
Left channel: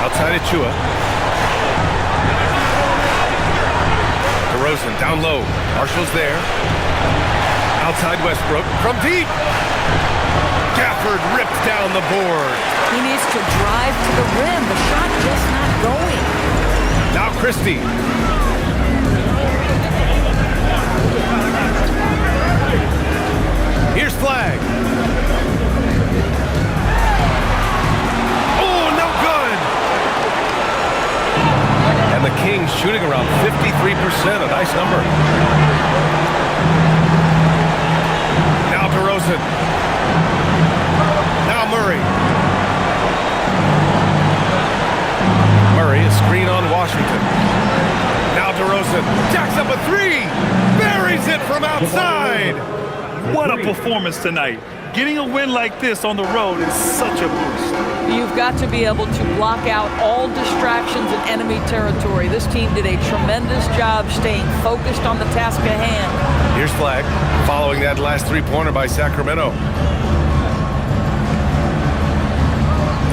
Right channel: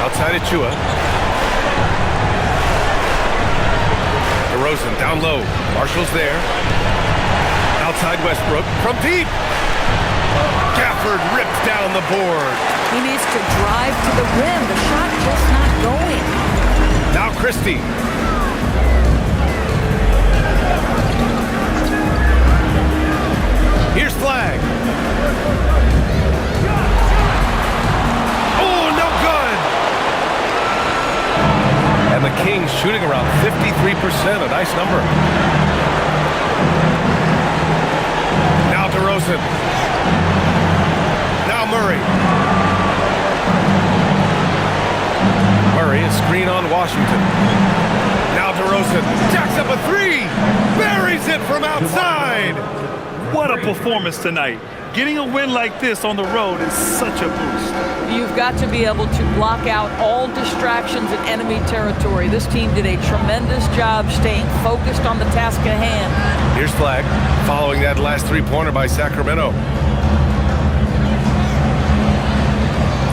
Outside Achua. DeRozan down low. Marshall's there. Outside Westbrook from deep. Gafford ripped down the board. He needs to drive to the rim. The shot just not going. Now Christie. Here's Flag. Oh, no good. And the Kings shooting around 53%, a nice number. Now DeRozan. Now Murray. Murray, a screen on Washington. Now DeRozan jacks up a three, buries it from outside. What a performance tonight. Getting a win like this on the road is such a boost. You've got to be able to block out all distractions in enemy territory. This team did a tremendous job staying focused on the task at hand. Here's Flag, following that last three-pointer by Sacramento.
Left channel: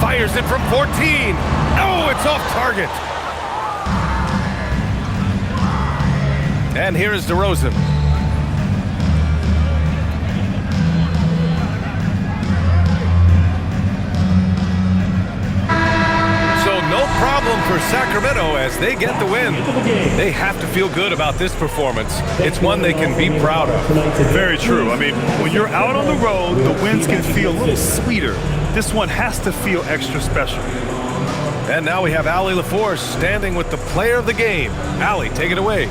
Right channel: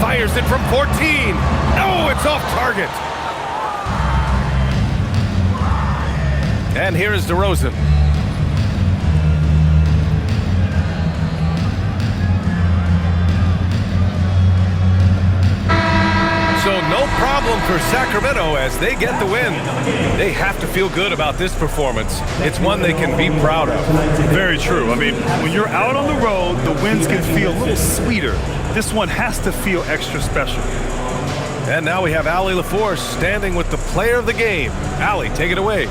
Fires it from 14. Oh, it's off target. And here is DeRozan. So no problem for Sacramento as they get the win. They have to feel good about this performance. It's one they can be proud of. Very true. I mean, when you're out on the road, the wins can feel a little sweeter. This one has to feel extra special. And now we have Allie LaForce standing with the player of the game. Allie, take it away.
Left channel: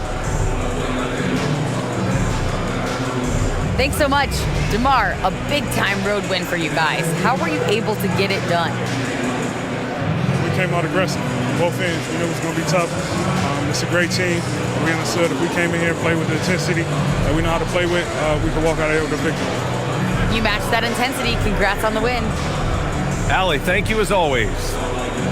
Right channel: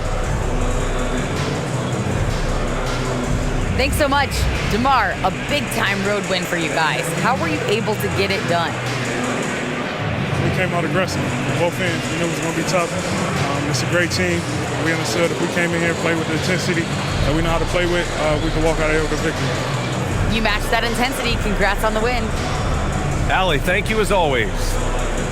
Thanks so much. DeMar, a big-time road win for you guys. How were you able to get it done? We came out aggressive. Both ends. We knew it was going to be tough. It's a great team. We understood if we came in here and played with the intensity that we know how to play with, we could walk out of here with a victory. You matched that intensity. Congrats on the win. Allie, thank you as always.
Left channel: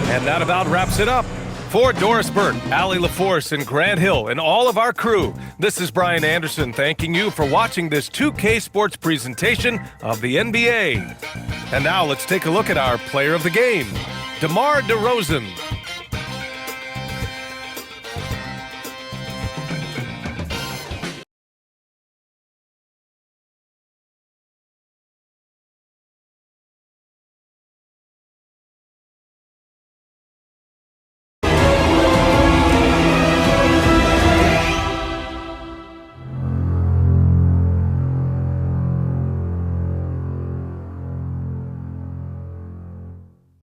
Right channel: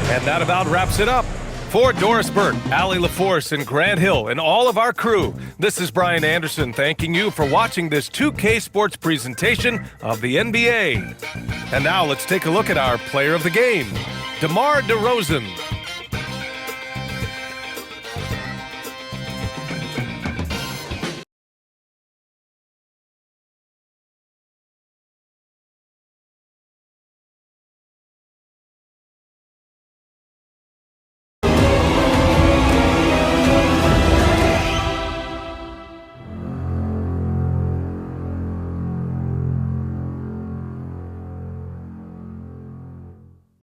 And that about wraps it up. For Doris Burke, Allie LaForce, and Grant Hill, and all of our crew, this is Brian Anderson thanking you for watching this 2K Sports presentation of the NBA. And now let's take a look at our player of the game, DeMar DeRozan.